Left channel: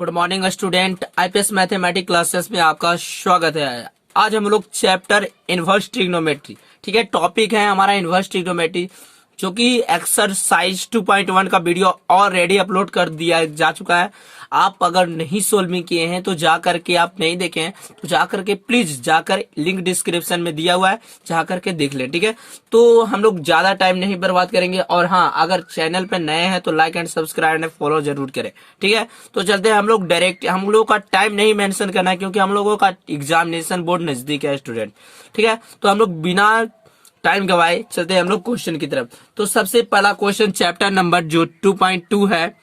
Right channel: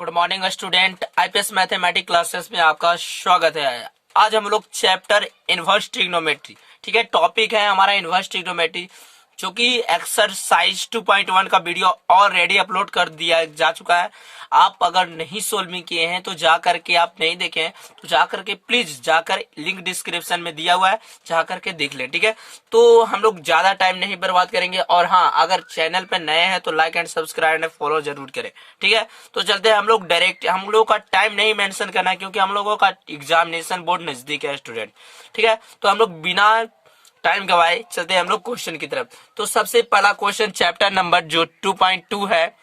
Good morning student, IPS mathematics classes में आपका स्वागत है। आज हम लोग चैप्टर इनवर्स ट्रिग्नोमेट्री, ठीक है, टॉपिक है हमारा इनवर्स ट्रिग्नोमेट्री, जो कि एक्सरसाइज 2.1 का वीडियो ऑलरेडी अपलोड कर दिया जा चुका है। आप अगर नहीं सोल्विंग किए हैं तो जा करके, आप नहीं देखे हैं तो जा करके प्लीज जाकर लिंक डिस्क्रिप्शन में दिया हुआ है, जा करके देख लें, ठीक है। तो हम लोग ज्यादा टाइम नहीं बर्बाद करेंगे, और हाँ, अगर चैनल पे नए हैं तो like and subscribe and follow जरूर करें, ठीक है। तो चलते हैं हम लोग डायरेक्ट, हम लोगों का टाइम नहीं मेंशन करना है क्योंकि हम लोगों का एग्जामिनेशन बोर्ड नजदीक है स्टूडेंट, ठीक है। तो हम लोग बिना टाइम गवाए चलते हैं हम लोग क्वेश्चन की तरफ। तो सबसे पहला क्वेश्चन चैप्टर नंबर जो 2.2 है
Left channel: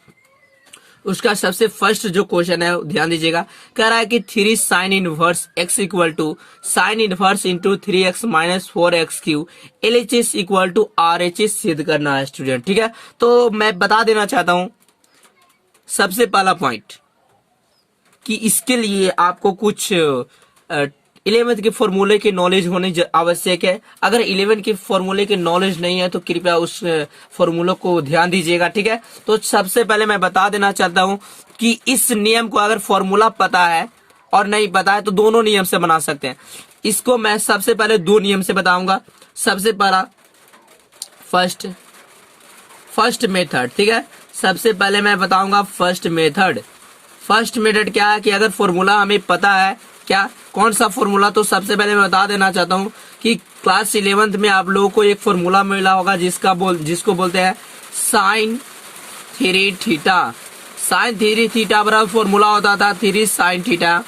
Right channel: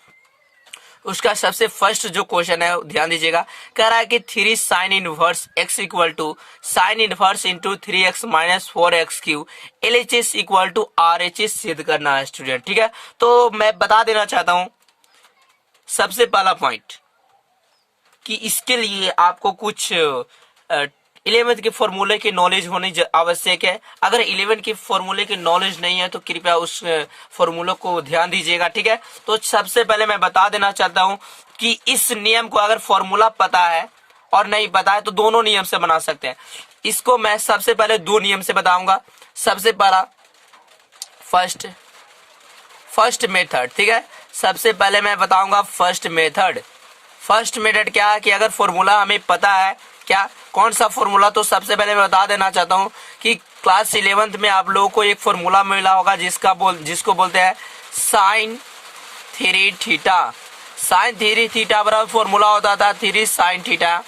उसका सबसे फर्स्ट जो क्वेश्चन है ध्यान दीजिएगा। कह रहा है कि 3 sine inverse x equal to sine inverse into 3x minus 4x cube LHS equal to RHS सिद्ध करना है स्टूडेंट, ठीक है। तो मैं बता देना चाहता हूं सबसे पहला पॉइंट कि इसके लिए आपको कुछ 11th के फॉर्मूले की नॉलेज होनी आवश्यक है। अगर 11 के फॉर्मूले की नॉलेज नहीं है तो कृपया उस फॉर्मूले को ध्यान दीजिएगा, ठीक है। तो सबसे पहले मैं बता देना चाहता हूं कि इस नियम को अगर फॉर्मूला पता है और नहीं पता है तो दोनों नियम से बना सकते हैं। इसको मैं सबसे पहले दो नियम से बताऊंगा। सबसे पहला फर्स्ट मेथड, ठीक है। सबसे पहले मैं बताऊंगा फर्स्ट मेथड क्या है कि अगर फॉर्मूला हमें पता है, क्या कौन सा फॉर्मूला, तो सबसे पहले मैं बता देना चाहता हूं कि क्लास 11th में आप लोगों को एक फॉर्मूला मिला होगा जिसको बोलते हैं साइन 3 थीटा। साइन 3 थीटा बराबर फॉर्मूला होता था 3 sine theta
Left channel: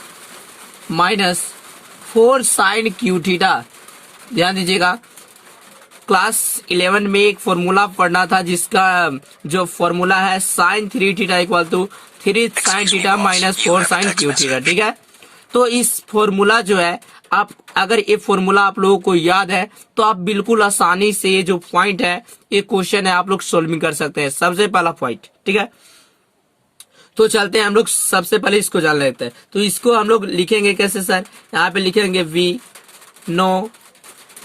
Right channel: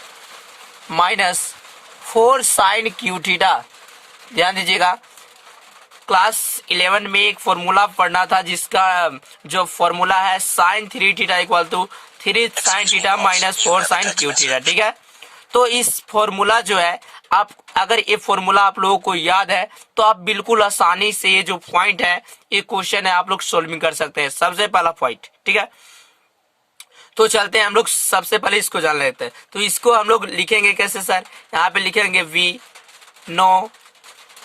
minus 4 sine cube theta. ध्यान दीजिएगा, क्लास 11 में एक फॉर्मूला पढ़ना था जिसका जो फॉर्मूला है sine 3 theta equal to 3 sine theta minus 4 sine cube theta, ठीक है। तो इस फॉर्मूला जो है, आप अगर ये फॉर्मूला आप लोगों को याद है तो आप बिल्कुल आसानी से ये जो पॉइंट है, ये क्वेश्चन है, आप लोग सोल्विंग कर सकते हैं। सबसे पहला पॉइंट, ठीक है। तो चलते हैं हम लोग सबसे पहले इसको जान लेते हैं। तो इसको हम लोग लिखेंगे कैसे सर? यहाँ पे लिखेंगे वी नो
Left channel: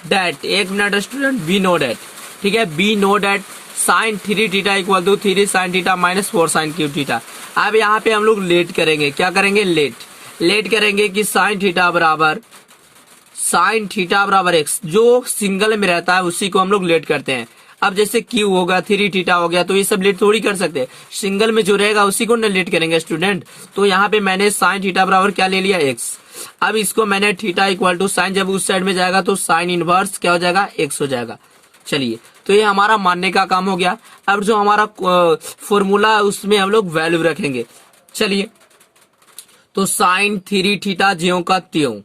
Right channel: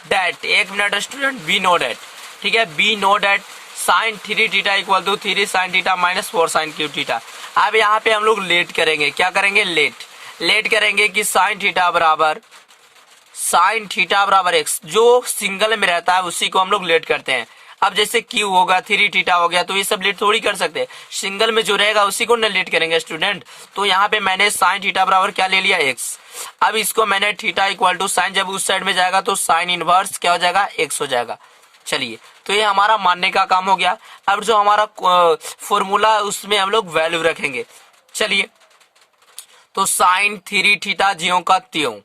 डेट, एक minute student, we know that, ठीक है। We know that sine 3 theta equal to 3 sine theta minus 4 sine cube theta. अब यहाँ पे हम लोग लेट करेंगे, क्या करेंगे? लेट करेंगे कि साइन थीटा बराबर एक्स, जो सिंगल में रहता है उसी को हम लोग लेट करते हैं। अब जैसे क्यू होगा 3 थीटा हो गया तो ये सब लेट थोड़ी कर सकते, सिंगल में जो रहेगा उसी को न लेट करेंगे स्टूडेंट। तो यहाँ पे मैंने साइन थीटा बराबर क्या ले लिया? एक्स। अब इसको मैंने थीटा इक्वल टू साइन, जब उस साइड में जाएगा तो साइन इनवर्स क्या हो जाएगा? एक्स हो जाएगा। चलिए, तो ये हमारा मानने का काम हो गया। अब जो हमारा फॉर्मूला है उसमें हम लोग वैल्यू रखेंगे। चलिए, तो साइन 3 थीटा ज्यों का त्यों,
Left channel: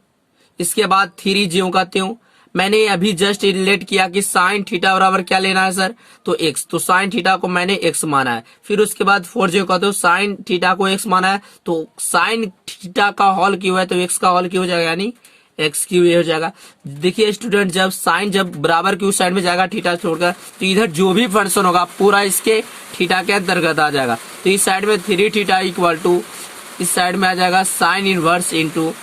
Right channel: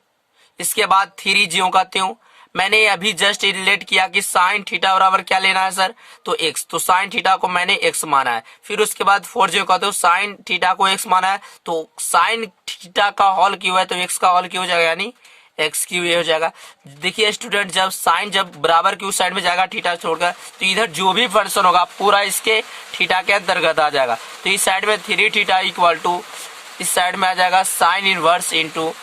इसके बाद 3 ज्यों का त्यों। मैंने अभी जस्ट रिलेट किया कि साइन थीटा बराबर क्या लेना है सर? तो एक्स। तो साइन थीटा को मैंने एक्स माना है। फिर उसके बाद 4 ज्यों का, तो साइन थीटा को एक्स माना है, तो साइन थीटा का होल क्यों है तो एक्स का होल क्यों हो जाएगा, यानी एक्स क्यू ये हो जाएगा। देखिए स्टूडेंट, जब साइन जब बराबर की उस साइड में जाएगा थीटा छोड़कर, तो इधर जो भी फंक्शन होगा पूरा इसके थीटा के अंतर्गत आ जाएगा। तो इस साइड में 3 थीटा इक्वल टू, इस साइड में आ जाएगा sign inverse into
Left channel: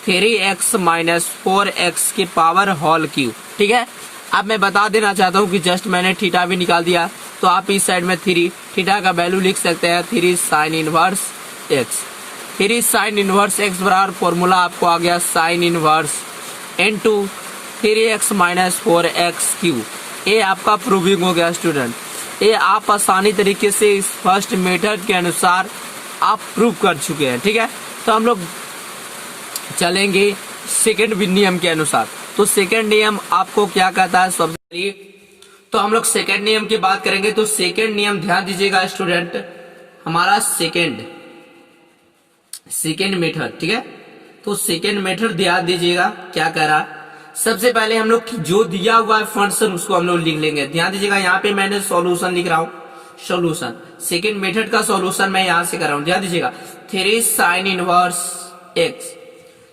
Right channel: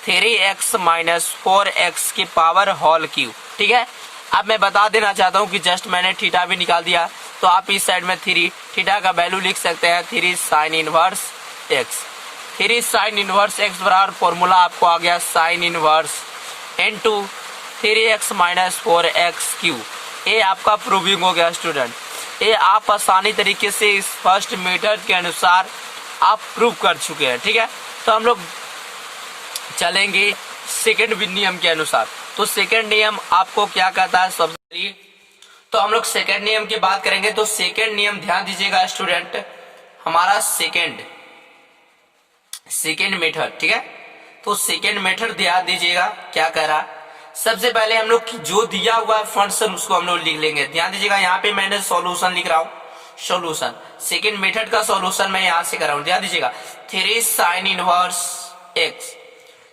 3x minus 4x के पावर होल क्यू, ठीक है। अब मैं बता देना चाहता हूँ कि जस्ट मैंने थीटा भी निकाल दिया, तो आप इस साइड में 3 थीटा का वैल्यू लिख सकते हैं 3 sine inverse x। 3 sine inverse x बराबर फॉर्मूला आपको आ गया sign inverse into 3x minus 4x Q. ये आपका प्रूविंग हो गया स्टूडेंट। ये आप आसानी तरीके से इस फर्स्ट मेथड के अनुसार आप प्रूव कर चुके हैं, ठीक है। तो हम लोग चलेंगे सेकंड नियम के अनुसार। तो सेकंड नियम आपको क्या कहता है? सबसे तो हम लोग सेकंड नियम की बात करेंगे। तो सेकंड नियम ध्यान दीजिएगा स्टूडेंट, हमारा सेकंड मेथड, ठीक है। तो सेकंड मेथड ध्यान दीजिएगा क्या कह रहा है। सबसे पहले हम लोग जो दिया हुआ है फंक्शन उसको हम लोग लिख लेंगे। ध्यान दीजिएगा, यहाँ पे मैंने सॉल्यूशन लिख रहा हूँ, सॉल्यूशन सेकेंड मेथड का सॉल्यूशन मैं यहां से कर रहा हूं। ध्यान दीजिएगा, 3 sine inverse x,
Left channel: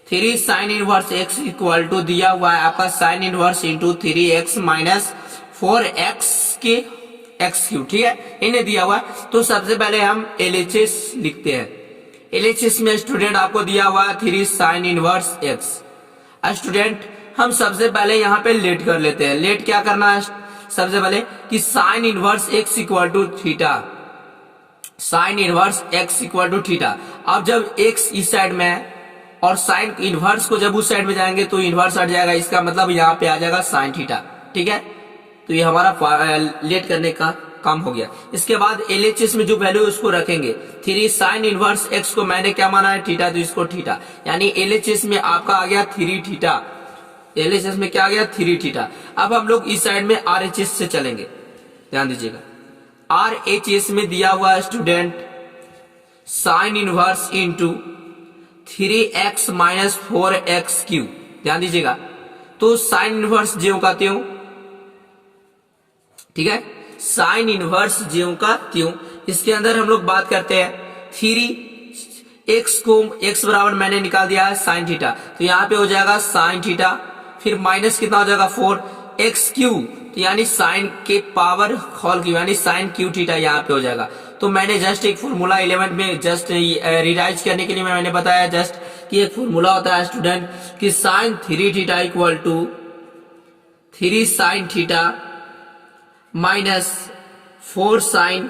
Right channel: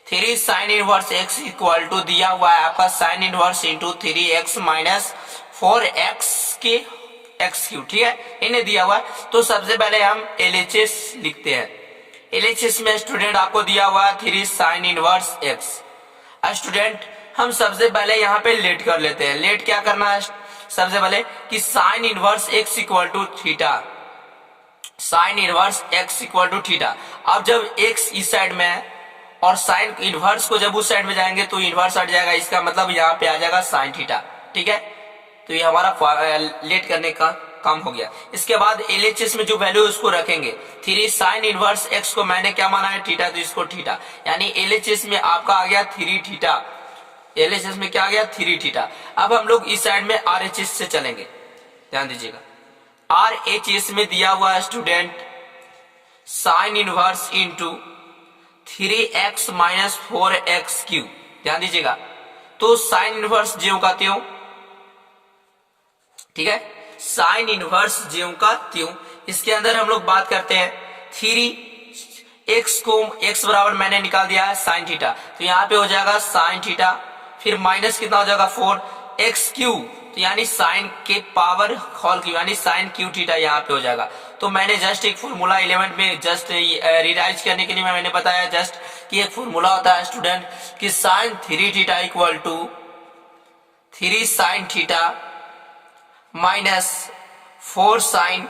3 sine inverse x equal to दिया हुआ है आपका sign inverse into 3x minus 4x के एक्स क्यू, ठीक है, इन्हें दिया हुआ है। तो सबसे पहले हम LHS लिखते हैं। LHS में स्टूडेंट आपको दिया हुआ है 3 साइन इनवर्स एक्स। स्टूडेंट हम सबसे पहले यहाँ पे लेट कर लेते हैं। लेट क्या करना है सबसे पहले कि sine inverse x equal to theta, sine inverse x equal to theta. अब जब एक्स इस साइड में है और साइन इनवर्स को जब उस साइड में जाएंगे तो इनवर्स हट जाएगा, इसका मतलब यहाँ पे आ जाएगा साइन थीटा। ठीक है, तो ये हमारा लेट करने का काम हो गया। इसके बाद एलएचएस में जो वैल्यू है उसको रखेंगे। 3 साइन इनवर्स एक्स को मैंने क्या माना है, थीटा, तो इसको थीटा, यानी एलएचएस में आपका आ गया 3 थीटा। एलएचएस में क्या आ गया, 3 थीटा। अब हम लोग इस साइड में आरएचएस से चलेंगे, ध्यान दीजिएगा। आरएचएस में दिया हुआ है student sine inverse into 3x minus 4x Q, ध्यान दीजिएगा। तो साइन इनवर्स ज्यों का त्यों, ठीक है, साइन इनवर्स ज्यों का त्यों। इसके अंदर हम लोग बात करते हैं 3x को x बराबर मैंने निकाल दिया है साइन थीटा, तो यहाँ पे हो जाएगा साइन थीटा, फिर माइनस कितना हो जाएगा 4x क्यू, तो यानी साइन के पावर होल क्यू, यानी साइन क्यू थीटा यहाँ पे हो जाएगा। तो मैंने जस्ट एक फॉर्मूला 11 में जस्ट रिवाइज करने के लिए मैंने बताया जस्ट कि एक फॉर्मूला होता है स्टूडेंट कि sine 3 theta equal to 3 sine theta minus 4 sine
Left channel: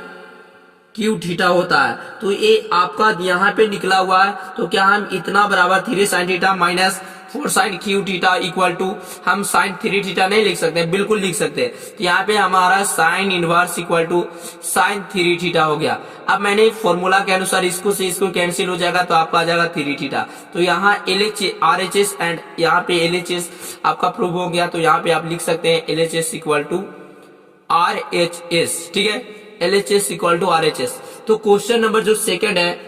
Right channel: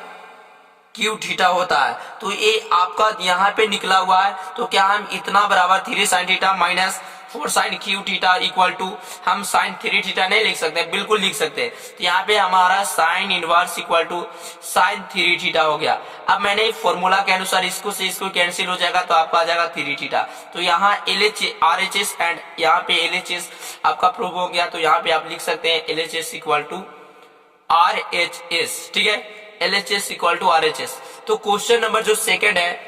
cube theta होता है। तो ये आपका यहाँ पे निकला हुआ है, तो क्या हम इतना बराबर 3 sine theta minus 4 sine cube theta equal to हम साइन 3 थीटा नहीं लिख सकते, बिल्कुल लिख सकते हैं। तो यहाँ पे हमारा sine inverse equal to sine 3 theta हो गया। अब मैंने फॉर्मूला के अनुसार इसको से इसको कैंसिल हो जाएगा, तो आपका आ जाएगा 3 थीटा। तो यहाँ आरएचएस एंड यहाँ पे एलएचएस आपका प्रूव हो गया, तो यहाँ पे आप लिख सकते हैं एलएचएस इक्वल टू आरएचएस, ठीक है, एलएचएस इक्वल टू आरएचएस। तो क्वेश्चन नंबर जो सेकंड है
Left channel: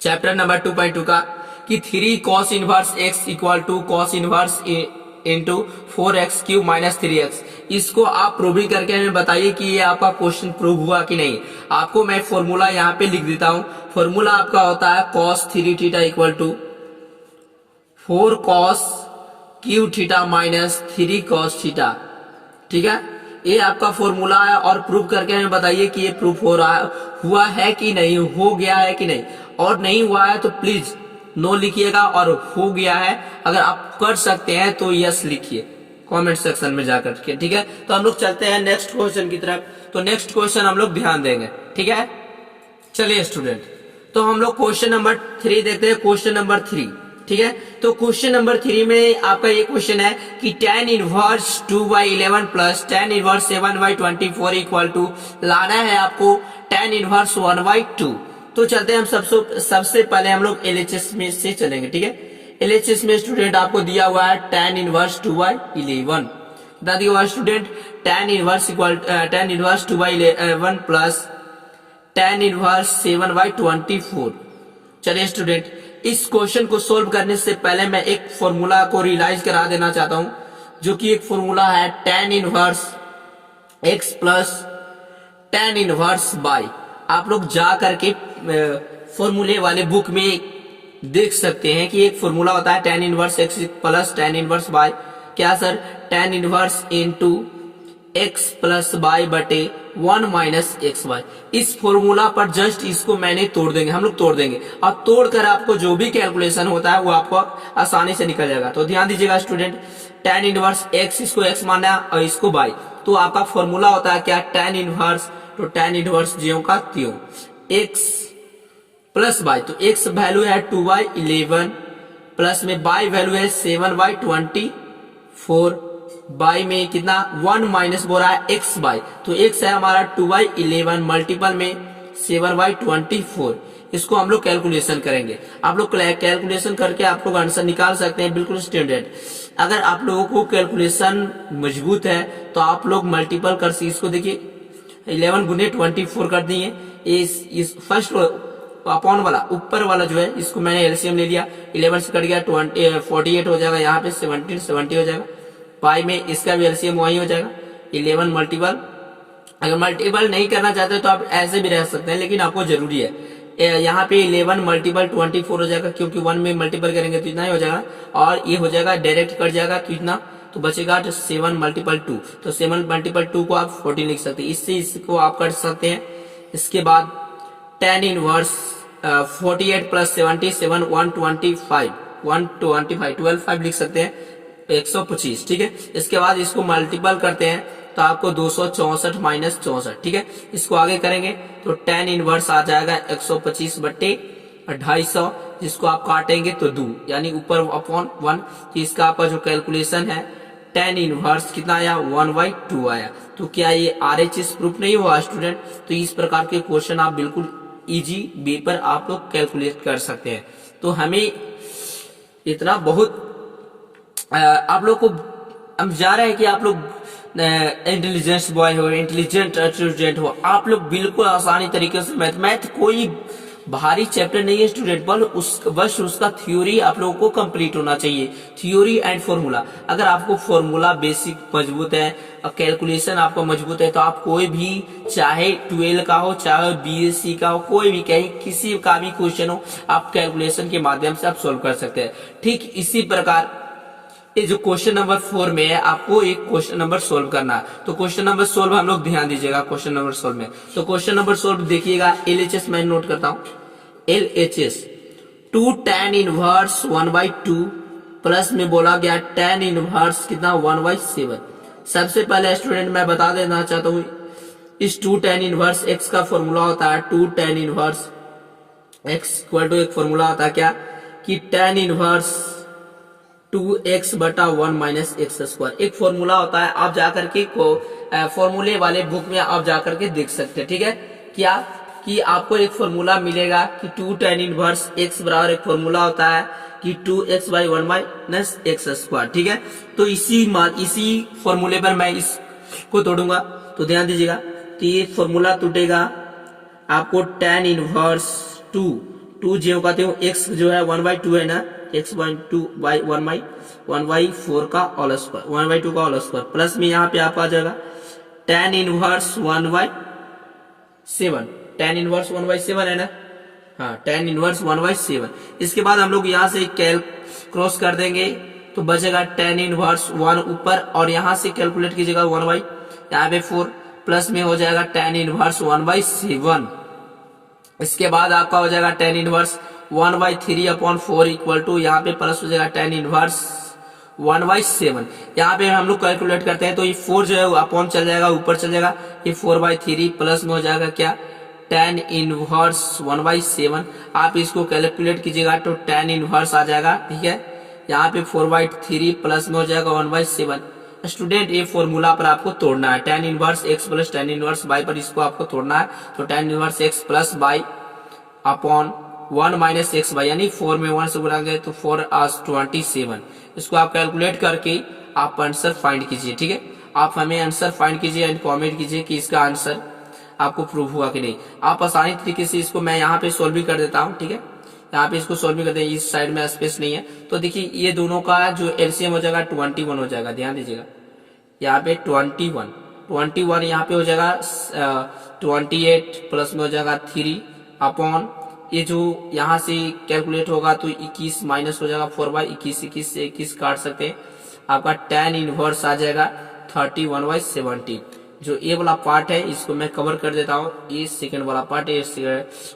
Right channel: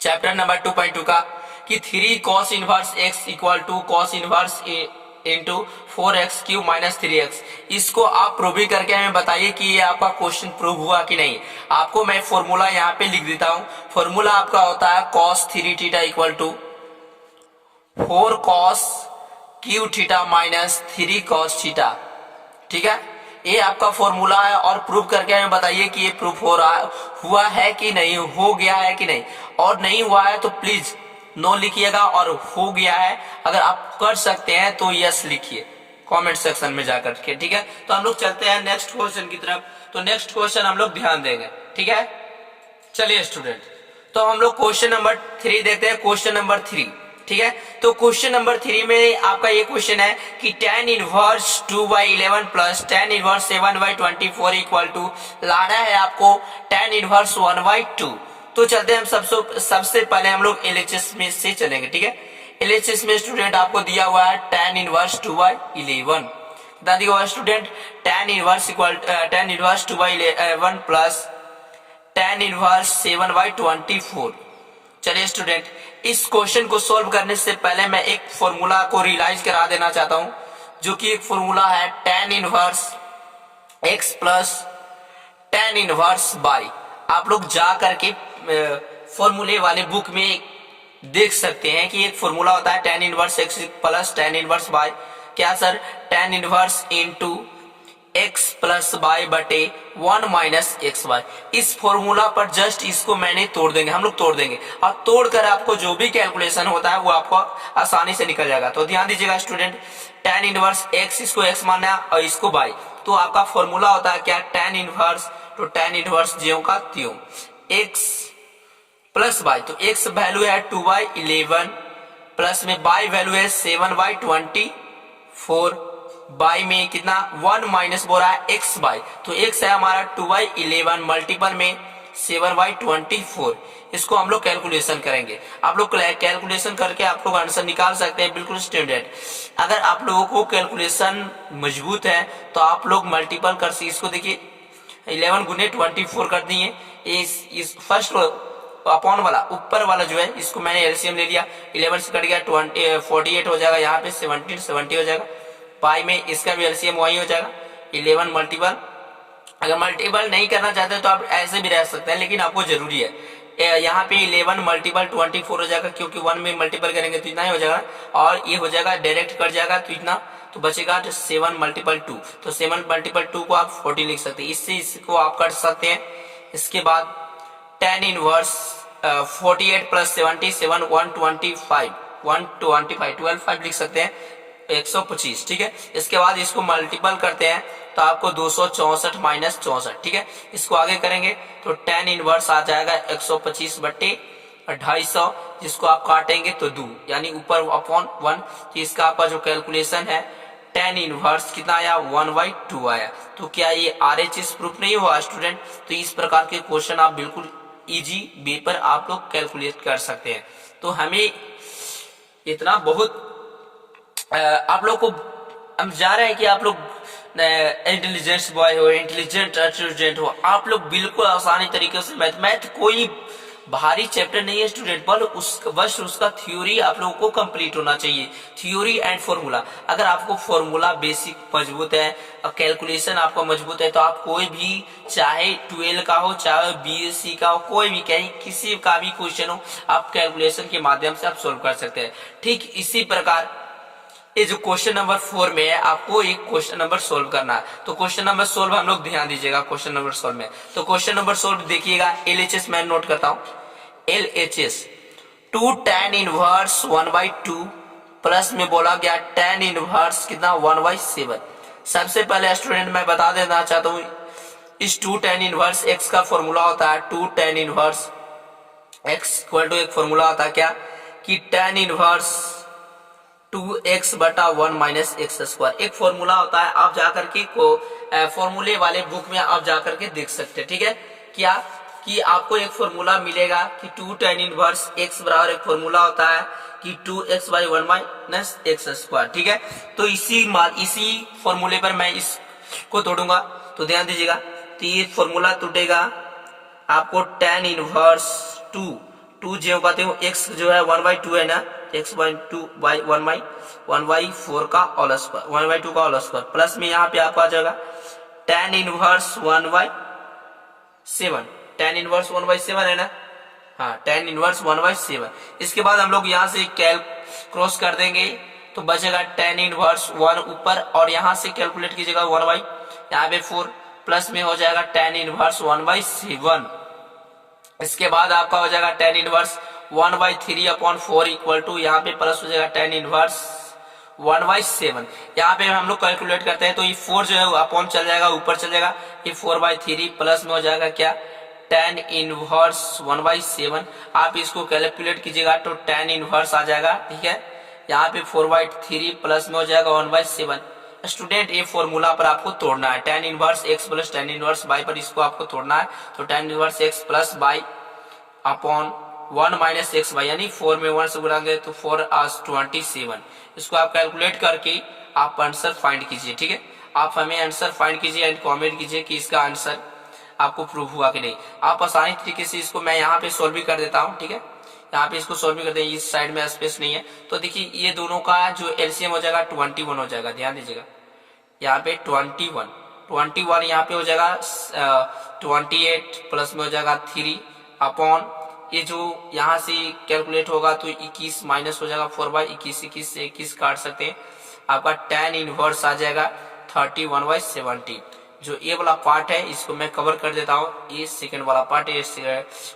चैप्टर नंबर 2.2 का कि 3 cos inverse x equal to cos inverse into 4x cube minus 3x, इसको आप प्रूव भी करके हमें बताइए कि ये आपका क्वेश्चन प्रूव हुआ कि नहीं। आपको मैं फॉर्मूला यहाँ पे लिख देता हूँ। फॉर्मूला आपका होता है cos 3 theta equal to 4 cos cube theta minus 3 cos theta, ठीक है, ये आपका फॉर्मूला है। और प्रूव करके हमें बताइए कि ये प्रूफ हुआ है कि नहीं, हो गया है कि नहीं। और नहीं हुआ है तो प्लीज नो लिखिएगा, और हो गया है अगर आप कर सकते हैं तो यस लिखिए कमेंट सेक्शन में जाकर के, ठीक है। तो हम लोग चलते हैं नेक्स्ट क्वेश्चन की तरफ। तो नेक्स्ट क्वेश्चन हम लोग ध्यान देंगे, ठीक है। चलिए स्टूडेंट, तो हम लोग क्वेश्चन नंबर 3 देखते हैं। क्वेश्चन नंबर 3, ठीक है। तो क्वेश्चन नंबर 3 में आपका ये क्वेश्चन है कि tan inverse 2/11 plus tan inverse 7/24 equal to लाना है आपको tan इनवर्स 1/2। तो चलते हैं हम सबसे पहले हम लोग एलएचएस में से चलेंगे, ठीक है। एलएचएस में स्टूडेंट आपको दिया हुआ है tan इनवर्स 2/11, बता दिया हुआ student tan inverse 2/11 plus tan inverse 7/24। चलिए स्टूडेंट, इस क्वेश्चन को सोल्व करने से पहले मैं एक फॉर्मूला को रियलाइज करा देना चाहता हूं, जो कि एक फॉर्मूला है tan inverse x plus tan inverse y। आप लोग जा करके फॉर्मूले वाले बुक में देख सकते हैं कि एक फॉर्मूला होता है tan inverse x plus tan inverse y। क्या sir, tan inverse into x plus y बटे 1 माइनस एक्स वाई। इस फॉर्मूला पर जस्ट इसको मैंने तोड़ देंगे, हम लोग तोड़ देंगे, और तोड़कर आपको जो भी कैलकुलेशन होता है वो आपको आसानी से निकल जाएगा। तो ध्यान दीजिएगा स्टूडेंट, tan इनवर्स x, इसको x मानना और इसको y। तो आपका फॉर्मूला होता है क्या, tan इनवर्स, तो tan इनवर्स ज्यों का त्यों x प्लस y। तो x वैल्यू है 2/11 प्लस में y वैल्यू है 7/24, बाई में कितना 1 माइनस बोल रहा है x बाई, तो x है हमारा 2/11 मल्टीपल में 7/24। इसको हम लोग कैलकुलेशन करेंगे। आप लोग कैलकुलेशन करके आप लोग आंसर निकाल सकते हैं, बिल्कुल स्टैंडर्ड। अगर आप लोगों को कैलकुलेशन मजबूत है तो आप लोग मल्टीपल कर सकते। इसको देखिए 11 गुने 24 कर दिए, इस फर्स्ट अपॉन वाला ऊपर वाला जो है इसको मैंने एलसीएम ले लिया, 11 से कट गया 48 हो जाएगा, यहाँ पे 70 हो जाएगा। पाई में इसका भी एलसीएम वही हो जाएगा 11 मल्टीपल। अगर मल्टीपल नहीं करना चाहते तो आप ऐसे भी रह सकते हैं, लेकिन आपको जरूरी है यहाँ पे 11 मल्टीपल 24 हो जाएगा, क्योंकि 1 में मल्टीपल करेंगे तो इतना ही हो जाएगा, और ये हो जाएगा डायरेक्ट कट जाएगा तो इतना, तो बचेगा 7 मल्टीपल 2। तो 7 मल्टीपल 2 को आप 14 लिख सकते हैं, इससे इसको आप कर सकते हैं। इसके बाद tan इनवर्स 48 प्लस 77 125 12 5 लिख सकते हैं, 125, ठीक है। इसके बाद इसको मल्टीपल करते हैं तो आपको 264 माइनस 64, ठीक है। इसको आगे करेंगे तो tan इनवर्स आ जाएगा 125 बट्टे 250, जिसको आप काटेंगे तो 2 यानी ऊपर अपॉन 1। तो इसका आपका जो कैलकुलेशन है tan इनवर्स कितना आया 1/2 आया। तो क्या ये RHS प्रूफ नहीं हुआ स्टूडेंट? तो इस प्रकार के क्वेश्चन आप बिल्कुल इजी वे पर आप लोग कैलकुलेट कर सकते हैं। तो हमें इतना बहुत आप लोग को हम जा रहे हैं कि आप लोग इंटेलिजेंस बॉय हो, इंटेलिजेंट स्टूडेंट हो, आप लोग बिल्कुल आसानी तरीके से मैथ कोई भारी चैप्टर नहीं है स्टूडेंट, बस उसका थ्योरी आप लोगों को कंप्लीट होना चाहिए, थ्योरी एंड फॉर्मूला। अगर आपको फॉर्मूला बेसिक मजबूत है और कैलकुलेशन आपका मजबूत है तो आप कोई भी चाहे 12 का हो चाहे BSc का हो, कोई भी कहीं किसी का भी क्वेश्चन हो आप कैलकुलेशन के माध्यम से आप सोल्व कर सकते हैं। ठीक इसी प्रकार ये जो क्वेश्चन नंबर 4 में है आपको एक क्वेश्चन नंबर सोल्व करना है। तो क्वेश्चन नंबर सोल्व हम लोग ध्यान दीजिएगा क्वेश्चन नंबर सोल्व में। तो क्वेश्चन नंबर सोल्व देखिएगा, LHS मैं नोट करता हूं, LHS 2 tan इनवर्स 1/2 प्लस में बोला गया tan इनवर्स कितना 1/7। सबसे पहले स्टूडेंट मैं बता देना चाहता हूं इस 2 tan इनवर्स x का फॉर्मूला होता है 2 tan inverse x equal to एक फॉर्मूला होता है क्या कि tan इनवर्स 2x बटा 1 माइनस एक्स स्क्वायर, एक फॉर्मूला होता है। आप जाकर के को फॉर्मूले वाले बुक में आप जाकर के देख सकते हैं, ठीक है। क्या कि आपको एक फॉर्मूला मिलेगा कि 2 tan इनवर्स x बराबर एक फॉर्मूला होता है कि 2x by 1 minus x square, ठीक है। तो इसी फॉर्मूले पर मैं इसको तोड़ूंगा, तो ध्यान दीजिएगा। तो ये फॉर्मूला टूटेगा आपको tan इनवर्स 2 जो कहते हो x जो है 1/2 है ना, x/2 बाई 1/4 का होल स्क्वायर 1/2 का होल स्क्वायर प्लस में यहाँ पे आप आ जाएगा tan इनवर्स 1/7, tan इनवर्स 1/7 है ना, हाँ tan इनवर्स 1/7। इसके बाद हम लोग यहाँ से क्रॉस कर देंगे तो बचेगा tan इनवर्स 1 ऊपर और यहाँ से कैलकुलेट कीजिएगा 1 यहाँ पे 4 प्लस में हो जाएगा tan इनवर्स 1/7। इसके बाद आपका हो जाएगा tan इनवर्स 1/3/4 इक्वल टू यहाँ पे प्लस हो जाएगा tan इनवर्स 1/7। यहाँ पे हम लोग कैलकुलेट करते हैं तो ये 4 जो है अपॉन चल जाएगा, ऊपर चल जाएगा, ये 4/3 प्लस में हो जाएगा क्या tan इनवर्स 1/7। आप इसको कैलकुलेट कीजिएगा तो tan इनवर्स आ जाएगा, ठीक है। यहाँ पे 4/3 प्लस में हो जाएगा 1/7। स्टूडेंट ये फॉर्मूला पर आपको तोड़ना है, tan inverse x plus tan inverse y पर इसको आपको तोड़ना है। तो tan inverse x plus y upon 1 minus x y यानी 4 में 1 से गुणाएंगे तो 4 as 27। इसको आप कैलकुलेट करके आप आंसर फाइंड कीजिए, ठीक है। आप हमें आंसर फाइंड कीजिए एंड कमेंट कीजिए कि इसका आंसर आपको प्रूव हुआ कि नहीं। आप आसानी तरीके से इसको मैं यहाँ पे सोल्व भी कर देता हूँ, ठीक है। यहाँ पे इसको सोल्व भी करते हैं, इस साइड में स्पेस नहीं है तो देखिए ये दोनों का जो एलसीएम हो जाएगा 21 हो जाएगा। ध्यान दीजिएगा यहाँ पे 21 यहाँ पे हो जाएगा 28 प्लस में हो जाएगा 3 अपॉन ये जो यहाँ से कैलकुलेट होगा तो 21 माइनस हो जाएगा 4/21 से 21 काट सकते हैं। आपका tan इनवर्स आ जाएगा 31/70। जो ये वाला पार्ट है इसको मैं कवर कर देता हूँ, ये सेकंड वाला पार्ट है,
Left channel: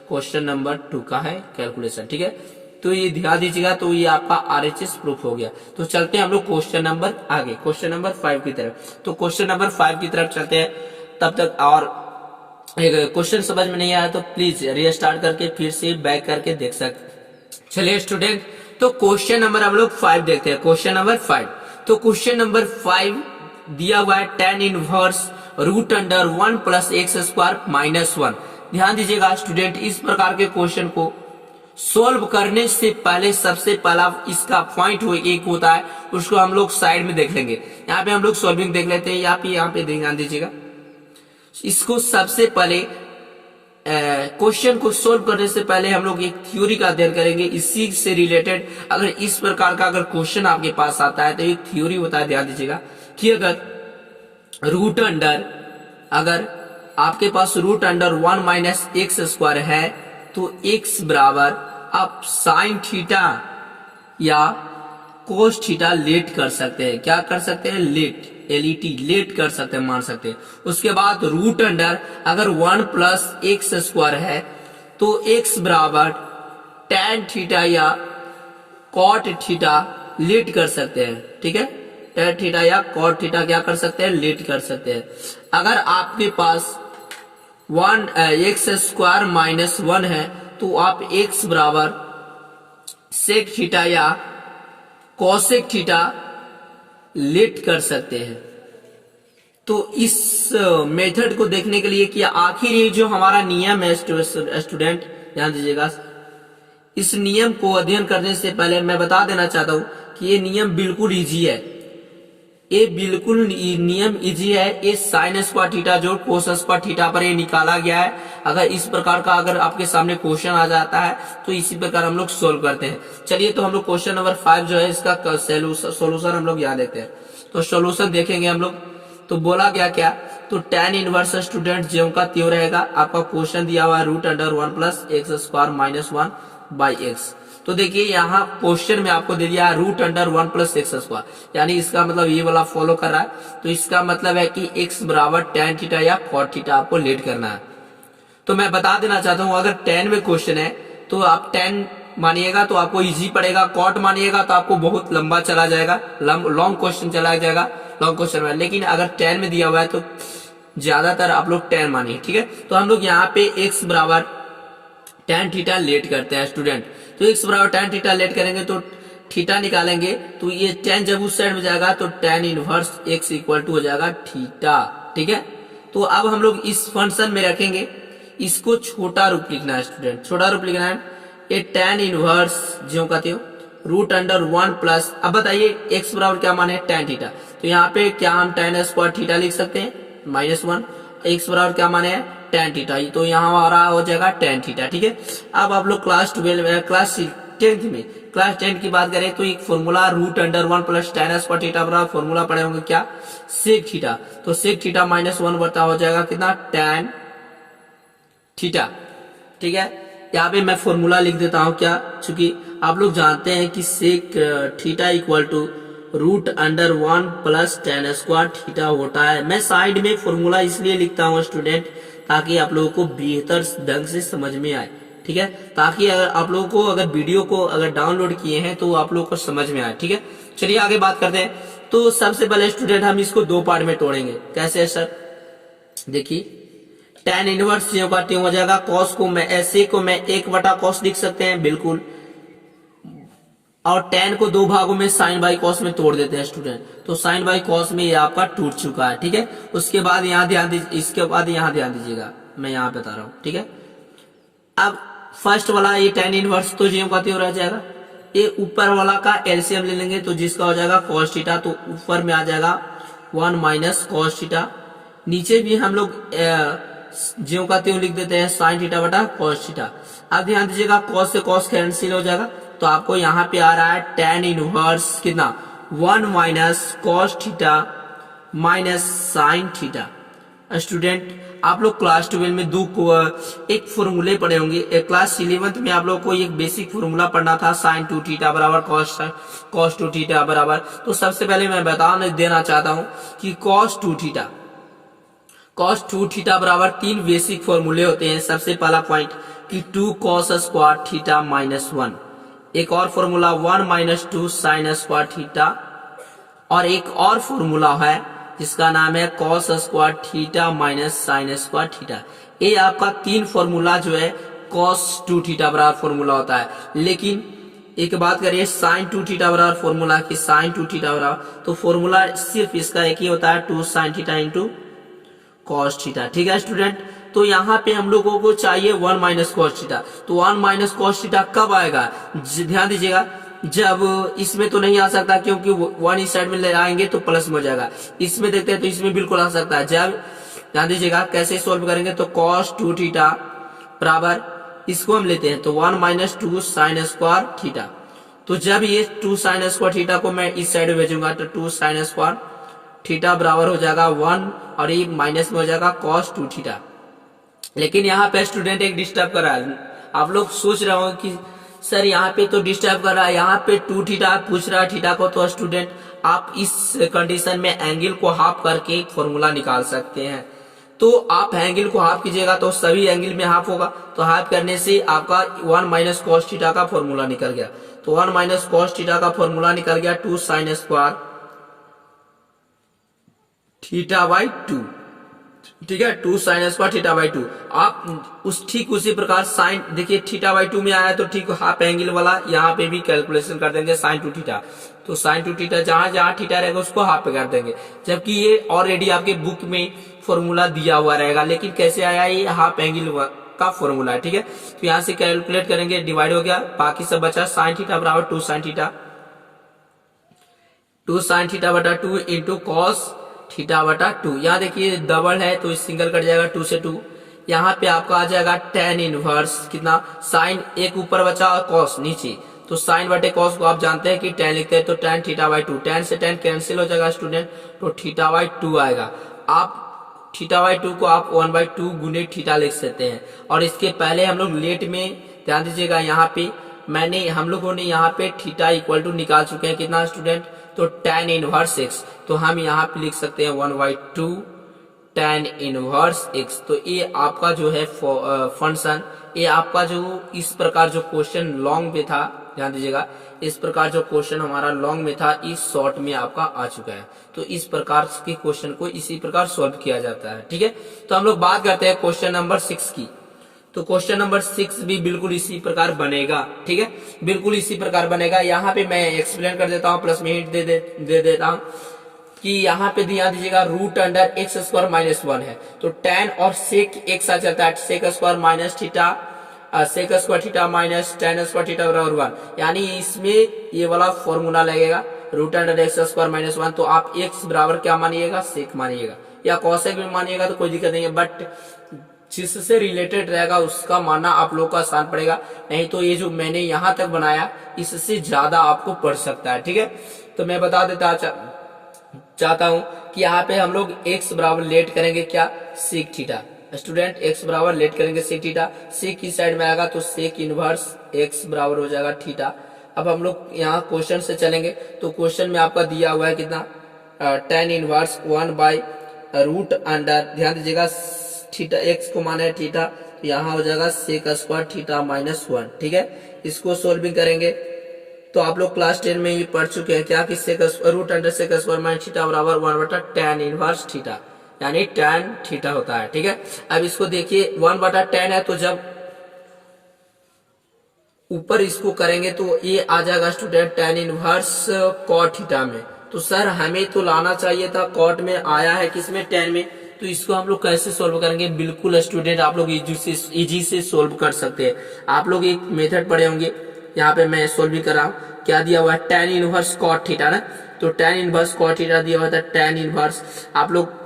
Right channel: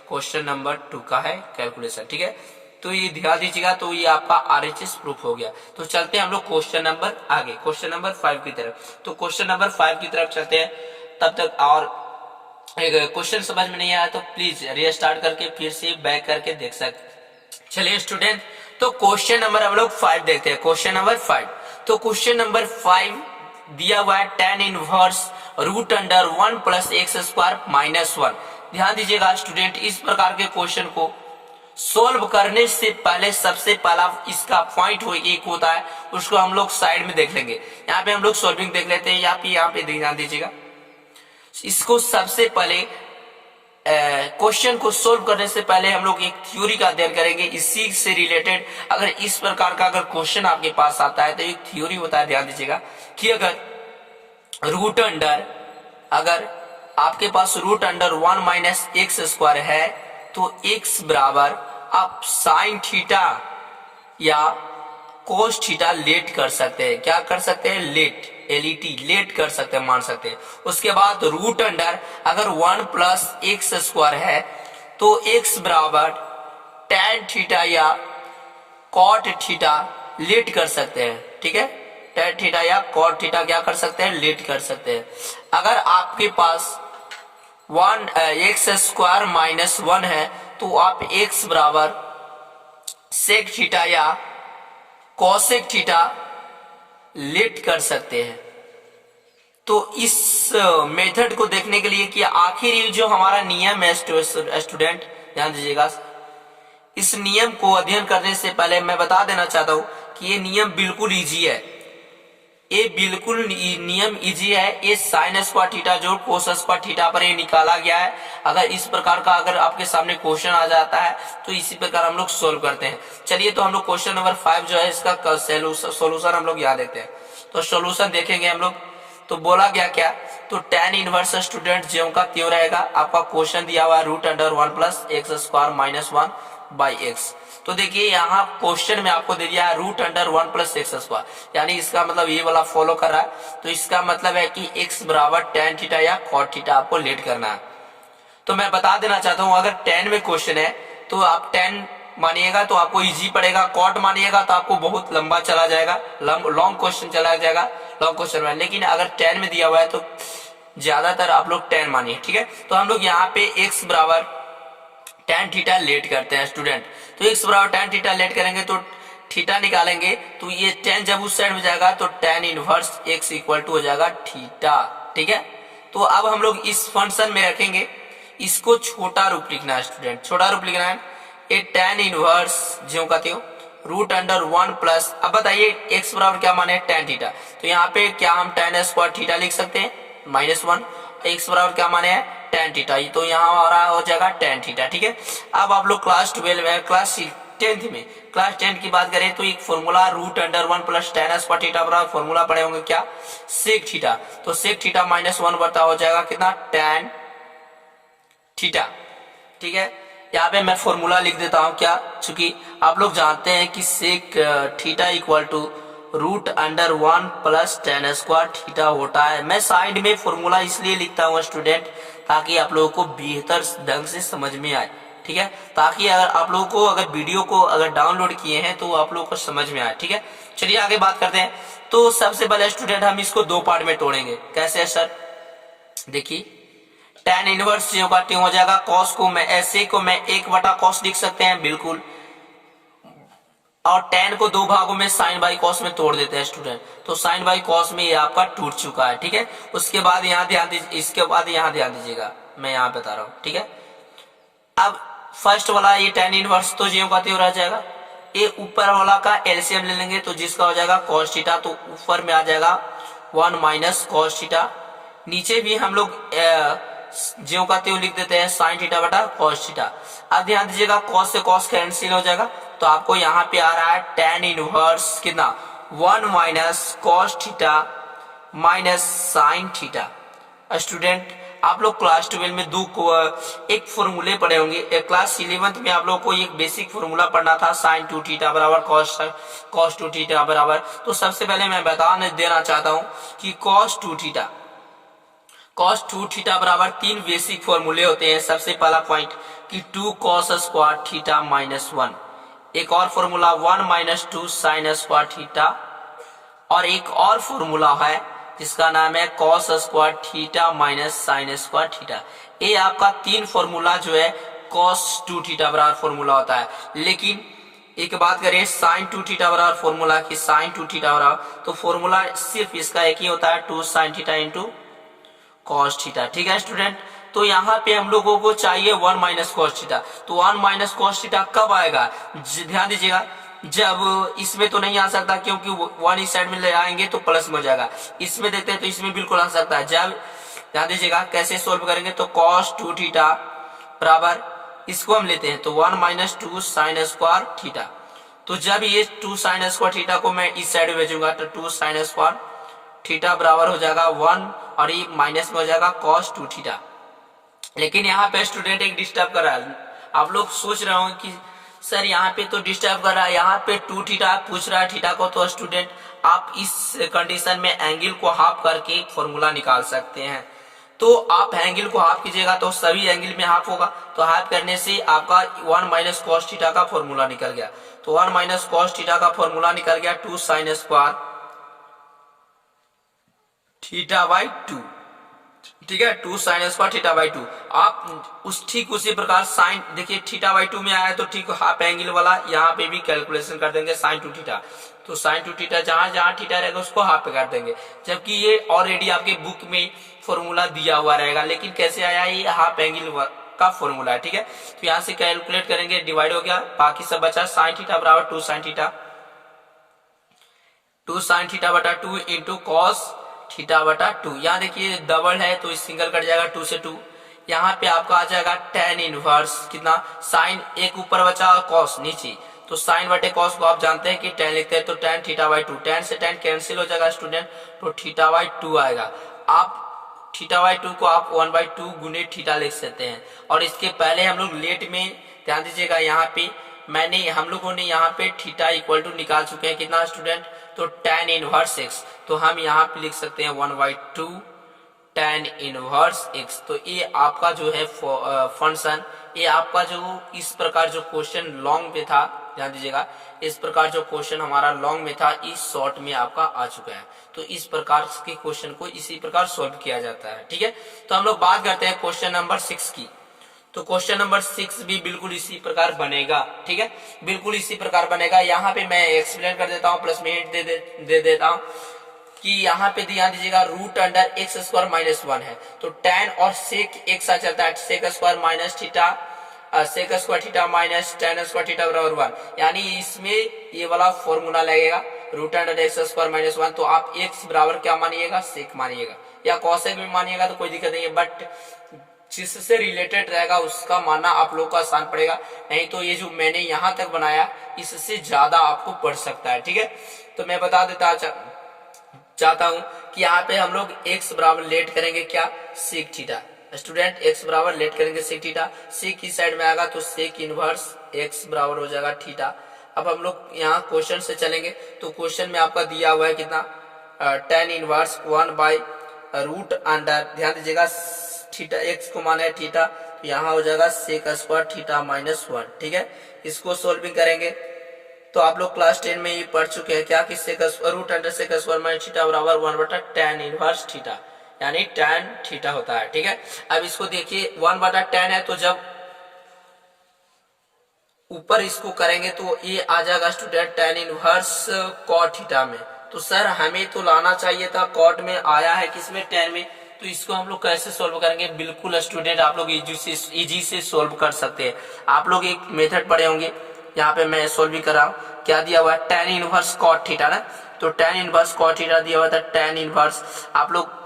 क्वेश्चन नंबर 2 का है कैलकुलेशन, ठीक है। तो ये ध्यान दीजिएगा, तो ये आपका RHS प्रूफ हो गया। तो चलते हैं हम लोग क्वेश्चन नंबर आगे, क्वेश्चन नंबर 5 की तरफ। तो क्वेश्चन नंबर 5 की तरफ चलते हैं। तब तक और क्वेश्चन समझ में नहीं आया तो प्लीज रीस्टार्ट करके फिर से बैक करके देख सकते। चलिए स्टूडेंट, तो क्वेश्चन नंबर हम लोग 5 देखते हैं। क्वेश्चन नंबर 5, तो क्वेश्चन नंबर 5 दिया हुआ है tan inverse root under 1 plus x square minus 1। ध्यान दीजिएगा स्टूडेंट, इस प्रकार के क्वेश्चन को सोल्व करने से पहले सबसे पहला इसका पॉइंट एक होता है, उसको हम लोग साइड में देख लेंगे। यहाँ पे हम लोग सोल्विंग देख लेते हैं, यहाँ पे ध्यान दीजिएगा। इसको सबसे पहले क्वेश्चन को सोल्व करने से पहले हम लोग एक थ्योरी का अध्ययन करेंगे। इसी से रिलेटेड अगर इस प्रकार का अगर क्वेश्चन आपके पास आता है तो एक थ्योरी होता है, ध्यान दीजिएगा कि अगर रूट अंडर अगर आपके पास root under 1 minus x square है तो x बराबर आप साइन थीटा या कोस थीटा लेट कर सकते हैं। क्या कर सकते हैं? लेट, LET लेट कर सकते हैं, मान सकते हैं। उसके बाद रूट अंडर अगर 1 प्लस एक्स स्क्वायर है तो x बराबर टैन थीटा या कॉट थीटा लेट कर सकते हैं, ठीक है। tan थीटा या cot थीटा क्या कर सकते हैं, लेट कर सकते हैं। अगर आपके पास x² माइनस 1 है तो आप x बराबर sec थीटा या cosec थीटा लेट कर सकते हैं। तो इस मेथड को देखने के लिए कि आखिर ये जो हमारा नियम है स्टूडेंट ध्यान दीजिएगा, इस नियम को अध्ययन करने से पहले मैं बता देना चाहता हूं कि ये नियम बिल्कुल इजी है। ये बिल्कुल नियम इजी है। ये साइन स्क्वायर थीटा जो कोस स्क्वायर थीटा पर ये निकाला गया है। अगर इस प्रकार का अगर आपके सामने क्वेश्चन आ जाता है तो इसी प्रकार हम लोग सोल्व करते हैं। चलिए तो हम लोग क्वेश्चन नंबर 5 जो है इसका सोल्यूशन हम लोग यहाँ देखते हैं। तो सोल्यूशन देखेंगे हम लोग। तो बोला गया क्या, तो tan इनवर्स स्टूडेंट ज्यों का त्यों रहेगा। आपका क्वेश्चन दिया हुआ √1 plus x² minus 1 by x. तो देखिए यहाँ क्वेश्चन में आपको दे दिया √1 प्लस x², यानी इसका मतलब ये वाला फॉलो कर रहा है। तो इसका मतलब है कि x बराबर tan थीटा या cot थीटा आपको लेट करना है। तो मैं बता देना चाहता हूँ अगर tan में क्वेश्चन है तो आप tan मानिएगा तो आपको इजी पड़ेगा, cot मानिएगा तो आपको बहुत लंबा चला जाएगा, लॉन्ग क्वेश्चन चला जाएगा लॉन्ग क्वेश्चन में। लेकिन अगर tan में दिया हुआ है तो ज्यादातर आप लोग tan मानिए, ठीक है। तो हम लोग यहाँ पे x बराबर tan थीटा लेट करते हैं स्टूडेंट। तो x बराबर tan थीटा लेट करेंगे तो थीटा निकालेंगे तो ये tan जब उस साइड में जाएगा तो tan inverse x equal to हो जाएगा थीटा, ठीक है। तो अब हम लोग इस फंक्शन में रखेंगे, इसको छोटा रूप लिखना है स्टूडेंट, छोटा रूप लिखना है। ये tan इनवर्स ज्यों का त्यों √1 प्लस, अब बताइए x बराबर क्या माने tan थीटा। तो यहाँ पे क्या हम tan स्क्वायर थीटा लिख सकते हैं -1, x बराबर क्या माने है tan थीटा, तो यहाँ हमारा हो जाएगा tan थीटा, ठीक है। अब आप लोग क्लास 10th में क्लास 10 की बात करें तो एक formula √1 plus tan square theta बराबर फॉर्मूला पढ़े होंगे क्या, sec थीटा। तो sec थीटा -1 बता हो जाएगा कितना tan थीटा, ठीक है। यहाँ पे मैं फॉर्मूला लिख देता हूँ क्या, चूंकि आप लोग जानते हैं कि sec theta equal to √1 plus tan square theta होता है। मैं साइड में फॉर्मूला इसलिए लिखता हूँ स्टूडेंट ताकि आप लोगों को बेहतर ढंग से समझ में आए, ठीक है। ताकि अगर आप लोगों को अगर वीडियो को अगर डाउनलोड किए हैं तो आप लोगों को समझ में आए, ठीक है। चलिए आगे बात करते हैं। तो सबसे पहले स्टूडेंट हम इसको दो पार्ट में तोड़ेंगे। कैसे है सर, देखिए tan इनवर्स ज्यों का त्यों हो जाएगा। cos को मैं ऐसे को मैं 1/cos लिख सकते हैं बिल्कुल, और tan को दो भागों में sin बाई cos में तोड़ देते हैं स्टूडेंट। तो sin बाई cos में ये आपका टूट चुका है, ठीक है। उसके बाद यहाँ ध्यान दीजिए, इसके बाद यहाँ ध्यान दीजिएगा, मैं यहाँ बता रहा हूँ, ठीक है। अब फर्स्ट वाला ये tan इनवर्स तो ज्यों का त्यों रह जाएगा। ये ऊपर वाला का एलसीएम ले लेंगे तो जिसका हो जाएगा cos थीटा, तो ऊपर में आ जाएगा 1 माइनस cos थीटा। नीचे भी हम लोग ज्यों का त्यों लिख देते हैं sin थीटा बटा cos थीटा। अब ध्यान दीजिएगा cos से cos कैंसिल हो जाएगा, तो आपको यहाँ पे आ रहा है tan इनवर्स कितना 1 minus cos theta minus sin theta. Student आप लोग क्लास 12 में एक फॉर्मूले पढ़े होंगे। क्लास 11th में आप लोग को एक बेसिक फॉर्मूला पढ़ना था sin 2 थीटा बराबर cos 2 थीटा बराबर। तो सबसे पहले मैं बता देना चाहता हूँ कि cos 2 थीटा बराबर 3 बेसिक फॉर्मूले होते हैं। सबसे पहला पॉइंट कि 2 cos स्क्वायर थीटा माइनस 1, एक और formula 1 minus 2 sin square theta, और एक और फॉर्मूला है जिसका नाम है cos square theta minus sin square theta. ये आपका 3 फॉर्मूला जो है cos 2 थीटा बराबर फॉर्मूला होता है। लेकिन एक बात करें sin 2 थीटा बराबर फॉर्मूला की sin 2 थीटा बराबर, तो फॉर्मूला सिर्फ इसका एक ही होता है 2 sin theta into cos theta, ठीक है स्टूडेंट। तो यहाँ पे हम लोगों को चाहिए 1 माइनस cos थीटा। तो 1 माइनस cos थीटा कब आएगा, ध्यान दीजिएगा, जब इसमें तो नहीं आ सकता क्योंकि 1 इस साइड में ले आएंगे तो प्लस में हो जाएगा। इसमें देखते हैं तो इसमें बिल्कुल आ सकता है। जब ध्यान दीजिएगा कैसे सोल्व करेंगे, तो cos 2 थीटा बराबर इसको हम लेते हैं तो 1 माइनस 2 sin स्क्वायर थीटा। तो जब ये 2 sin स्क्वायर थीटा को मैं इस साइड में भेजूंगा तो 2 sin स्क्वायर थीटा बराबर हो जाएगा 1, और ये माइनस में हो जाएगा cos 2 थीटा। लेकिन यहाँ पे स्टूडेंट एक डिस्टर्ब कर रहा है। आप लोग सोच रहे हो कि सर यहाँ पे तो डिस्टर्ब कर रहा है, यहाँ पे 2 थीटा पूछ रहा है थीटा को। तो स्टूडेंट आप इस कंडीशन में एंगल को हाफ करके फॉर्मूला निकाल सकते हैं। तो आप एंगल को हाफ कीजिएगा तो सभी एंगल में हाफ होगा, तो हाफ करने से आपका 1 माइनस cos थीटा का फॉर्मूला निकल गया। तो 1 माइनस cos थीटा का फॉर्मूला निकल गया 2 sin square theta by two, ठीक है, 2 sign square theta by two. आप ठीक उसी प्रकार साइन, देखिए थीटा बाई टू में आया तो ठीक हाफ एंगल वाला यहाँ पे भी कैलकुलेशन कर देंगे साइन टू थीटा, तो साइन टू थीटा जहां जहां थीटा रहेगा उसको हाफ पे कर देंगे, जबकि ये ऑलरेडी आपके बुक में फॉर्मूला दिया हुआ रहेगा, लेकिन कैसे आया, ये हाफ एंगल का फॉर्मूला है, ठीक है। तो यहाँ से कैलकुलेट करेंगे, डिवाइड हो गया, बाकी सब बचा साइन थीटा बराबर 2 साइन थीटा, 2 साइन थीटा बटा 2 इंटू कॉस थीटा बटा 2। यहाँ देखिए डबल है तो सिंगल कट जाएगा 2 से 2। यहाँ पे आपका आ जाएगा tan इनवर्स कितना, साइन एक ऊपर बचा और कॉस नीचे, तो साइन बटे कॉस को आप जानते हैं कि tan लिखते हैं, तो tan थीटा बाई 2, tan से tan कैंसिल हो जाएगा स्टूडेंट, तो थीटा बाई 2 आएगा। आप थीटा बाई 2 को आप 1/2 गुने थीटा लिख सकते हैं। और इसके पहले हम लोग लेट में ध्यान दीजिएगा, यहाँ पे हम लोगों ने यहाँ पे थीटा इक्वल टू निकाल चुके हैं कितना स्टूडेंट, तो tan इनवर्स x, तो हम यहाँ पे लिख सकते हैं 1/2 tan इनवर्स x। तो ये आपका जो है फंक्शन, ये आपका जो इस प्रकार जो क्वेश्चन लॉन्ग में था, ध्यान दीजिएगा, इस प्रकार जो क्वेश्चन हमारा लॉन्ग में था इस शॉर्ट में आपका आ चुका है। तो इस प्रकार के क्वेश्चन को इसी प्रकार सॉल्व किया जाता है, ठीक है। तो हम लोग बात करते हैं क्वेश्चन नंबर 6 की। तो क्वेश्चन नंबर 6 भी बिल्कुल इसी प्रकार बनेगा, ठीक है, बिल्कुल इसी प्रकार बनेगा। यहाँ पे मैं एक्सप्लेन कर देता हूँ, प्लस में हिंट दे देता हूँ कि यहाँ पे ध्यान दीजिएगा root under x square minus 1 है, तो tan और सेक एक साथ चलता है, sec square minus theta, sec square theta minus tan square theta बराबर 1, यानी इसमें ये वाला फॉर्मूला लगेगा root under x square minus 1। तो आप एक्स बराबर क्या मानिएगा, सेक मानिएगा, या कॉसेक भी मानिएगा तो कोई दिक्कत नहीं है, बट जिससे रिलेटेड रहेगा उसका मानना आप लोग को आसान पड़ेगा, नहीं तो ये जो मैंने यहाँ तक बनाया इससे ज्यादा आपको पड़ सकता है, ठीक है। तो मैं बता देता चाहता हूं कि यहाँ पे हम लोग x बराबर लेट करेंगे क्या, सेक थीटा, स्टूडेंट x बराबर लेट करेंगे सेक थीटा, सेक की साइड में आएगा तो सेक इनवर्स x बराबर हो जाएगा थीटा। अब हम लोग यहाँ क्वेश्चन से चलेंगे, तो क्वेश्चन में आपका दिया हुआ है कितना, tan इनवर्स 1/रूट अंडर, ध्यान दीजिएगा थीटा x को माना है थीटा, तो यहाँ हो जाएगा सेक स्क्वायर थीटा माइनस 1, ठीक है। इसको सोल्विंग करेंगे तो आप लोग क्लास 10 में ही पढ़ चुके हैं क्या कि sec root under sec square minus theta बराबर 1/tan इनवर्स थीटा, यानी tan थीटा होता है, ठीक है। अब इसको देखिए 1/tan है, तो जब ऊपर इसको करेंगे तो ये आ जाएगा student tan inverse cot theta में। तो सर हमें तो लाना चाहिए था cot में, आया है किसमें, tan में, तो इसको हम लोग कैसे सोल्व करेंगे, बिल्कुल स्टूडेंट आप लोग इजी से सोल्व कर सकते हैं। आप लोग एक मेथड पढ़े होंगे, यहाँ पे मैं सोल्विंग कर रहा हूँ, क्या दिया हुआ है, tan इनवर्स cot थीटा ना, तो tan इनवर्स cot थीटा दिया हुआ था, tan इनवर्स आप लोग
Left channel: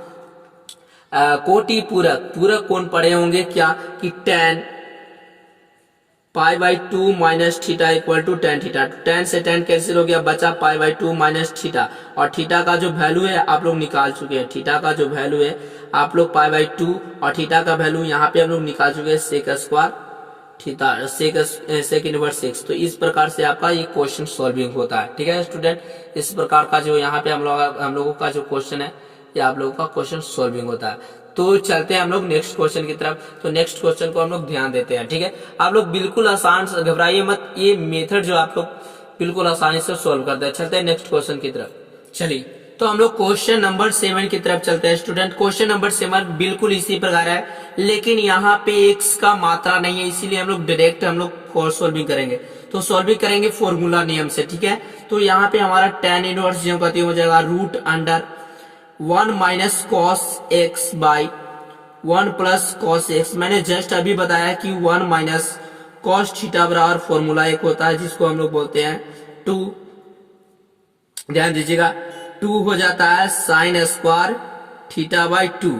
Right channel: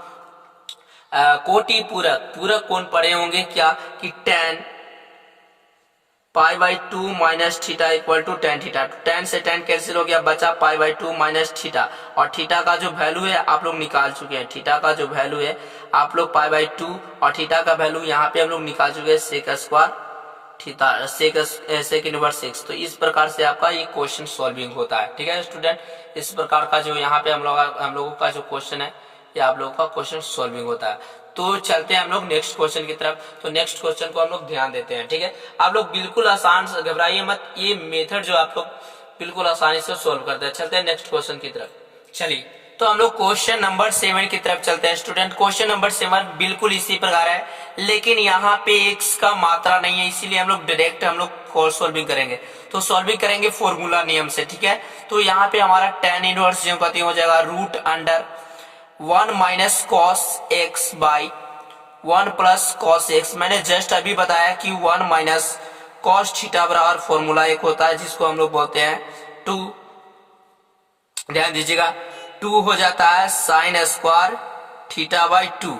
कोटि पूरक कौन पढ़े होंगे क्या कि tan π/2 minus theta equal to tan theta, tan से tan कैंसिल हो गया, बचा π/2 माइनस थीटा, और थीटा का जो वैल्यू है आप लोग निकाल चुके हैं, थीटा का जो वैल्यू है आप लोग π/2 और थीटा का वैल्यू यहाँ पे हम लोग निकाल चुके हैं sec square theta sec inverse x। तो इस प्रकार से आपका ये क्वेश्चन सॉल्विंग होता है, ठीक है स्टूडेंट। इस प्रकार का जो यहाँ पे हम लोगों का जो क्वेश्चन है ये आप लोगों का क्वेश्चन सॉल्विंग होता है। तो चलते हैं हम लोग नेक्स्ट क्वेश्चन की तरफ। तो नेक्स्ट क्वेश्चन को हम लोग ध्यान देते हैं, ठीक है। आप लोग बिल्कुल आसान, घबराइए मत, ये मेथड जो आप लोग बिल्कुल आसानी से सॉल्व करते हैं। चलते हैं नेक्स्ट क्वेश्चन की तरफ। चलिए तो हम लोग क्वेश्चन नंबर 7 की तरफ चलते हैं स्टूडेंट। क्वेश्चन नंबर 7 बिल्कुल इसी प्रकार है, लेकिन यहाँ पे x का मात्रा नहीं है, इसीलिए हम लोग डायरेक्ट हम लोग सॉल्विंग करेंगे। तो सॉल्विंग करेंगे फॉर्मूला नियम से, ठीक है। तो यहाँ पे हमारा tan इनवर्स जो कहते हो जाएगा root under 1 minus cos x by 1 plus cos x. मैंने जस्ट अभी बताया कि 1 माइनस कॉस थीटा बराबर फॉर्मूला एक होता है जिसको हम लोग बोलते हैं 2, ध्यान दीजिएगा 2 हो जाता है साइन स्क्वायर थीटा बाई 2,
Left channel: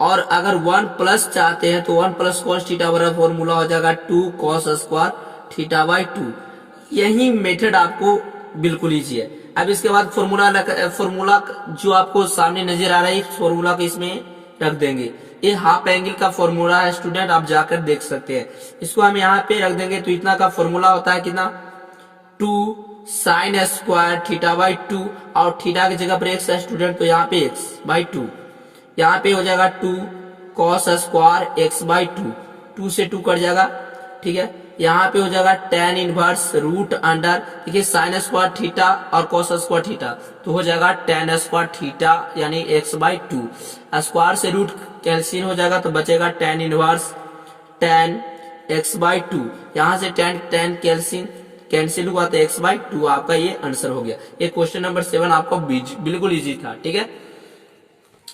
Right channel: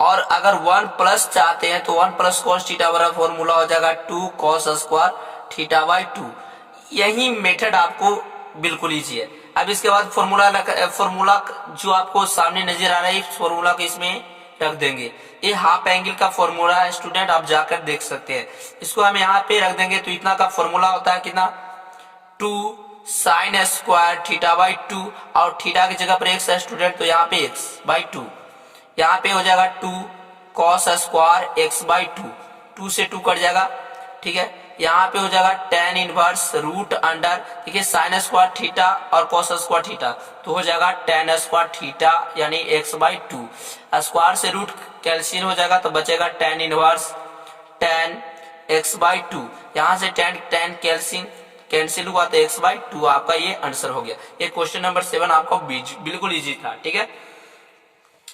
और अगर 1 प्लस चाहते हैं तो 1 प्लस कॉस थीटा बराबर फॉर्मूला हो जाएगा 2 कॉस स्क्वायर थीटा बाई 2। यही मेथड आपको बिल्कुल इजी है। अब इसके बाद फॉर्मूला जो आपको सामने नजर आ रहा है इस फॉर्मूला को इसमें रख देंगे। ये हाफ एंगल का फॉर्मूला है स्टूडेंट, आप जाकर देख सकते हैं। इसको हम यहाँ पे रख देंगे तो इतना का फॉर्मूला होता है कितना, 2 साइन स्क्वायर थीटा बाई 2, और थीटा की जगह पर एक्स है स्टूडेंट, तो यहाँ पे एक्स बाई 2, यहाँ पे हो जाएगा 2 कॉस स्क्वायर एक्स बाई 2, 2 से 2 कट जाएगा, ठीक है। यहाँ पे हो जाएगा tan इनवर्स रूट अंडर, देखिए साइन स्क्वायर थीटा और कॉस स्क्वायर थीटा, तो हो जाएगा tan स्क्वायर थीटा यानी x/2। स्क्वायर से रूट कैंसिल हो जाएगा तो बचेगा tan इनवर्स tan x/2। यहाँ से tan कैंसिल हुआ तो x/2 आपका ये आंसर हो गया। ये क्वेश्चन नंबर 7 आपका बिल्कुल इजी था, ठीक है।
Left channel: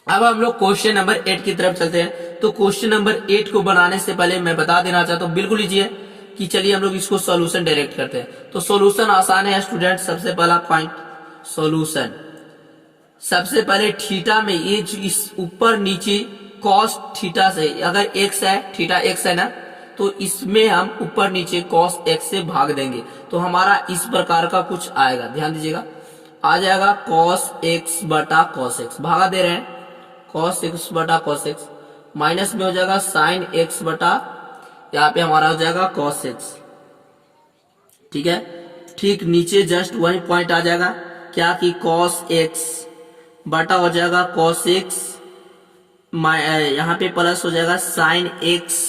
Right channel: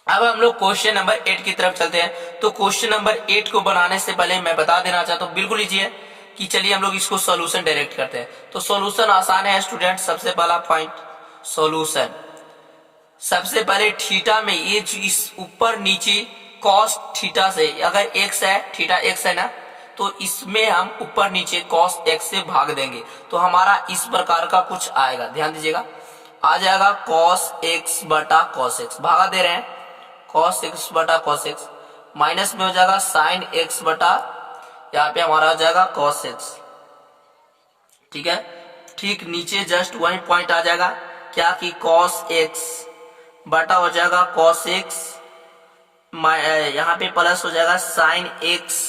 अब हम लोग क्वेश्चन नंबर 8 की तरफ चलते हैं। तो क्वेश्चन नंबर 8 को बनाने से पहले मैं बता देना चाहता हूँ, बिल्कुल इजी है, कि चलिए हम लोग इसको सॉल्यूशन डायरेक्ट करते हैं। तो सॉल्यूशन आसान है स्टूडेंट। सबसे पहला पॉइंट सॉल्यूशन, सबसे पहले थीटा में ये जो इस ऊपर नीचे कॉस थीटा से, अगर x है, थीटा x है ना, तो इसमें हम ऊपर नीचे कॉस x से भाग देंगे तो हमारा इस प्रकार का कुछ आएगा, ध्यान दीजिएगा। आ जाएगा cos x बटा cos x, भागा दे रहे हैं, cos x बटा cos x, माइनस में हो जाएगा sin x बटा, यहाँ पे हमारा हो जाएगा cos x, ठीक है। ठीक नीचे जस्ट वही पॉइंट आ जाएगा, क्या कि cos x बटा हो जाएगा cos x, यहाँ पे प्लस हो जाएगा sin x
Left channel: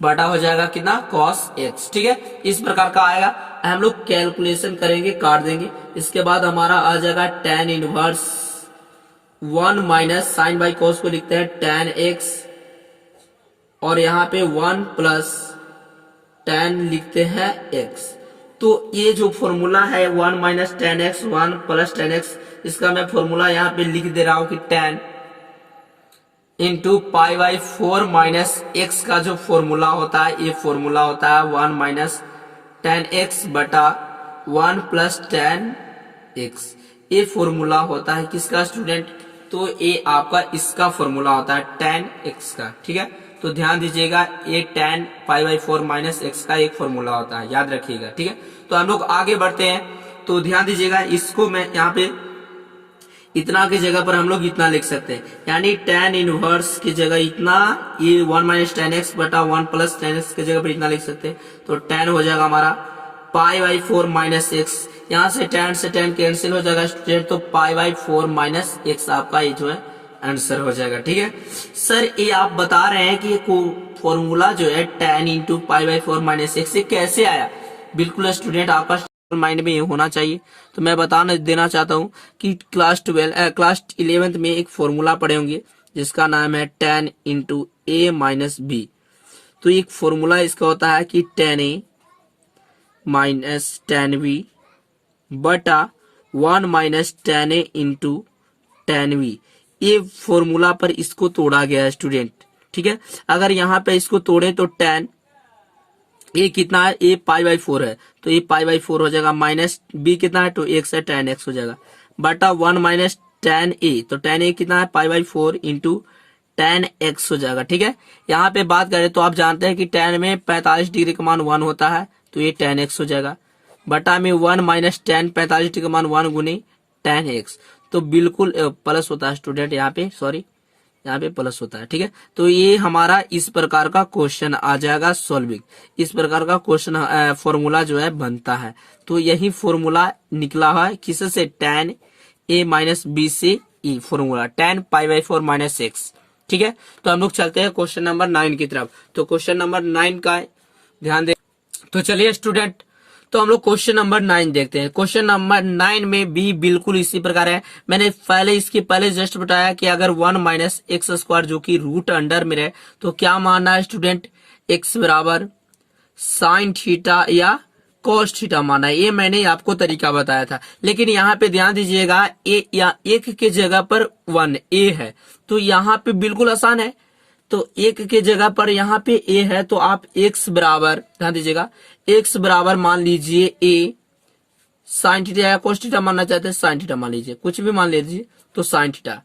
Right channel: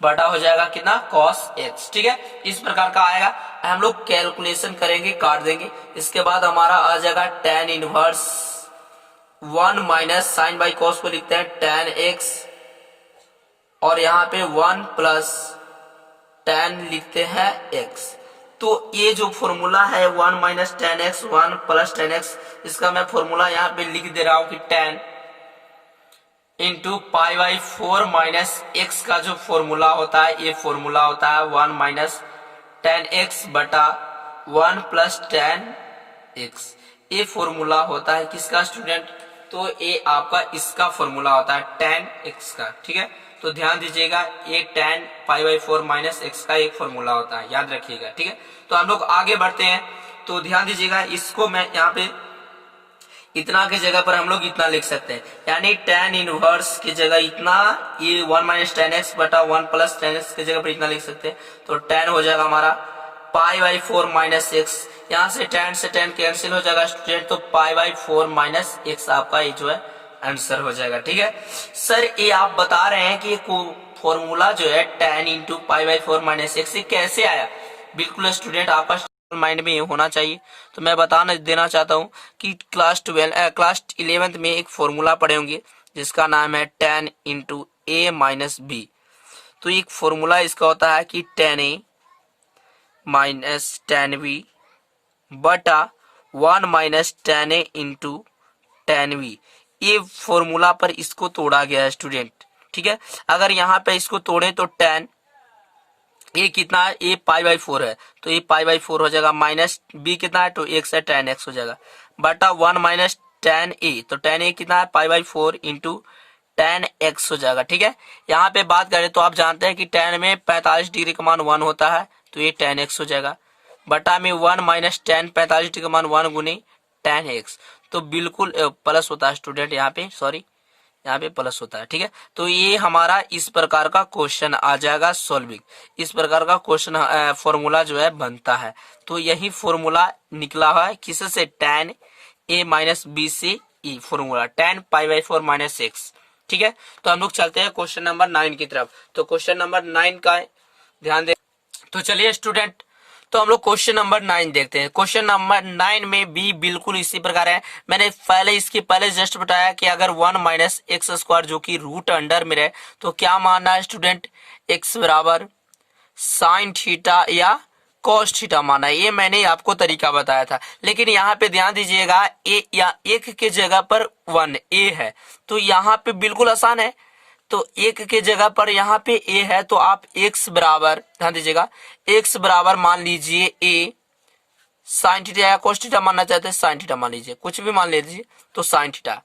बटा हो जाएगा कितना cos x, ठीक है। इस प्रकार का आएगा। हम लोग कैलकुलेशन करेंगे, काट देंगे। इसके बाद हमारा आ जाएगा tan inverse 1 minus sine by cos को लिखते हैं tan x, और यहाँ पे 1 प्लस tan लिखते हैं x। तो ये जो फॉर्मूला है 1 minus tan x 1 plus tan x, इसका मैं फॉर्मूला यहाँ पे लिख दे रहा हूं कि tan इंटू π/4 माइनस x का जो फॉर्मूला होता है, ये फॉर्मूला होता है 1 माइनस tan x बटा 1 प्लस tan x। ये फॉर्मूला होता है किसका स्टूडेंट? तो ये आपका इसका फॉर्मूला होता है tan x का, ठीक है। तो ध्यान दीजिएगा, ये tan π/4 माइनस x का एक फॉर्मूला होता है, याद रखिएगा, ठीक है। तो हम लोग आगे बढ़ते हैं। तो ध्यान दीजिएगा, इसको मैं यहाँ पे इतना की जगह पर हम लोग इतना लिख सकते हैं, यानी tan इनवर्स की जगह इतना, ये 1 माइनस tan x बटा 1 प्लस tan x की जगह पर इतना लिख सकते हैं। तो tan हो जाएगा हमारा π/4 माइनस x, यहाँ से tan कैंसिल हो जाएगा स्टूडेंट, तो π/4 माइनस x आपका ये जो है आंसर हो जाएगा, ठीक है। सर ये आप बता रहे हैं कि फॉर्मूला जो है tan इंटू π/4 माइनस x से कैसे आया? बिल्कुल स्टूडेंट, आपका माइंड में ये होना चाहिए। तो मैं बताना देना चाहता हूँ कि क्लास 11th में एक फॉर्मूला पढ़े होंगे जिसका नाम है tan into a minus B. तो एक फॉर्मूला इसका होता है कि tan a minus tan b बटा 1 minus tan a into tan b। ये फॉर्मूला पर इसको तोड़ा गया है स्टूडेंट, ठीक है। अगर यहाँ पे इसको तोड़े तो tan ये कितना है, ये π/4 है, तो ये π/4 हो जाएगा, माइनस b कितना है, तो x है, tan x हो जाएगा, बटा 1 माइनस tan a, तो tan a कितना है, π/4 इंटू tan x हो जाएगा, ठीक है। यहाँ पे बात करें तो आप जानते हैं कि tan में 45 डिग्री का मान 1 होता है, तो ये tan x हो जाएगा, बटा में 1 माइनस tan 45 डिग्री का मान 1 गुने tan x, तो बिल्कुल प्लस होता है स्टूडेंट, यहाँ पे सॉरी, यहाँ पे प्लस होता है, ठीक है। तो ये हमारा इस प्रकार का क्वेश्चन आ जाएगा सॉल्विंग, इस प्रकार का क्वेश्चन फॉर्मूला जो है बनता है। तो यही फॉर्मूला निकला हुआ है किससे, tan a माइनस बी से ई फॉर्मूला tan π/4 माइनस x, ठीक है। तो हम लोग चलते हैं क्वेश्चन नंबर 9 की तरफ। तो क्वेश्चन नंबर 9 का ध्यान दे। तो चलिए स्टूडेंट, तो हम लोग क्वेश्चन नंबर 9 देखते हैं। क्वेश्चन नंबर 9 में भी बिल्कुल इसी प्रकार है। मैंने इसके पहले जस्ट बताया कि अगर 1 माइनस एक्स स्क्वायर जो कि रूट अंडर में रहे तो क्या मानना है स्टूडेंट, x बराबर साइन थीटा या कॉस थीटा माना है। ये मैंने आपको तरीका बताया था, लेकिन यहाँ पे ध्यान दीजिएगा, ए या एक के जगह पर 1 a है, तो यहाँ पे बिल्कुल आसान है। तो एक के जगह पर यहाँ पे a है, तो आप x बराबर, ध्यान दीजिएगा, x बराबर मान लीजिए a साइन थीटा या कॉस थीटा मानना चाहते हैं, साइन थीटा मान लीजिए, कुछ भी मान लीजिए, तो साइन थीटा,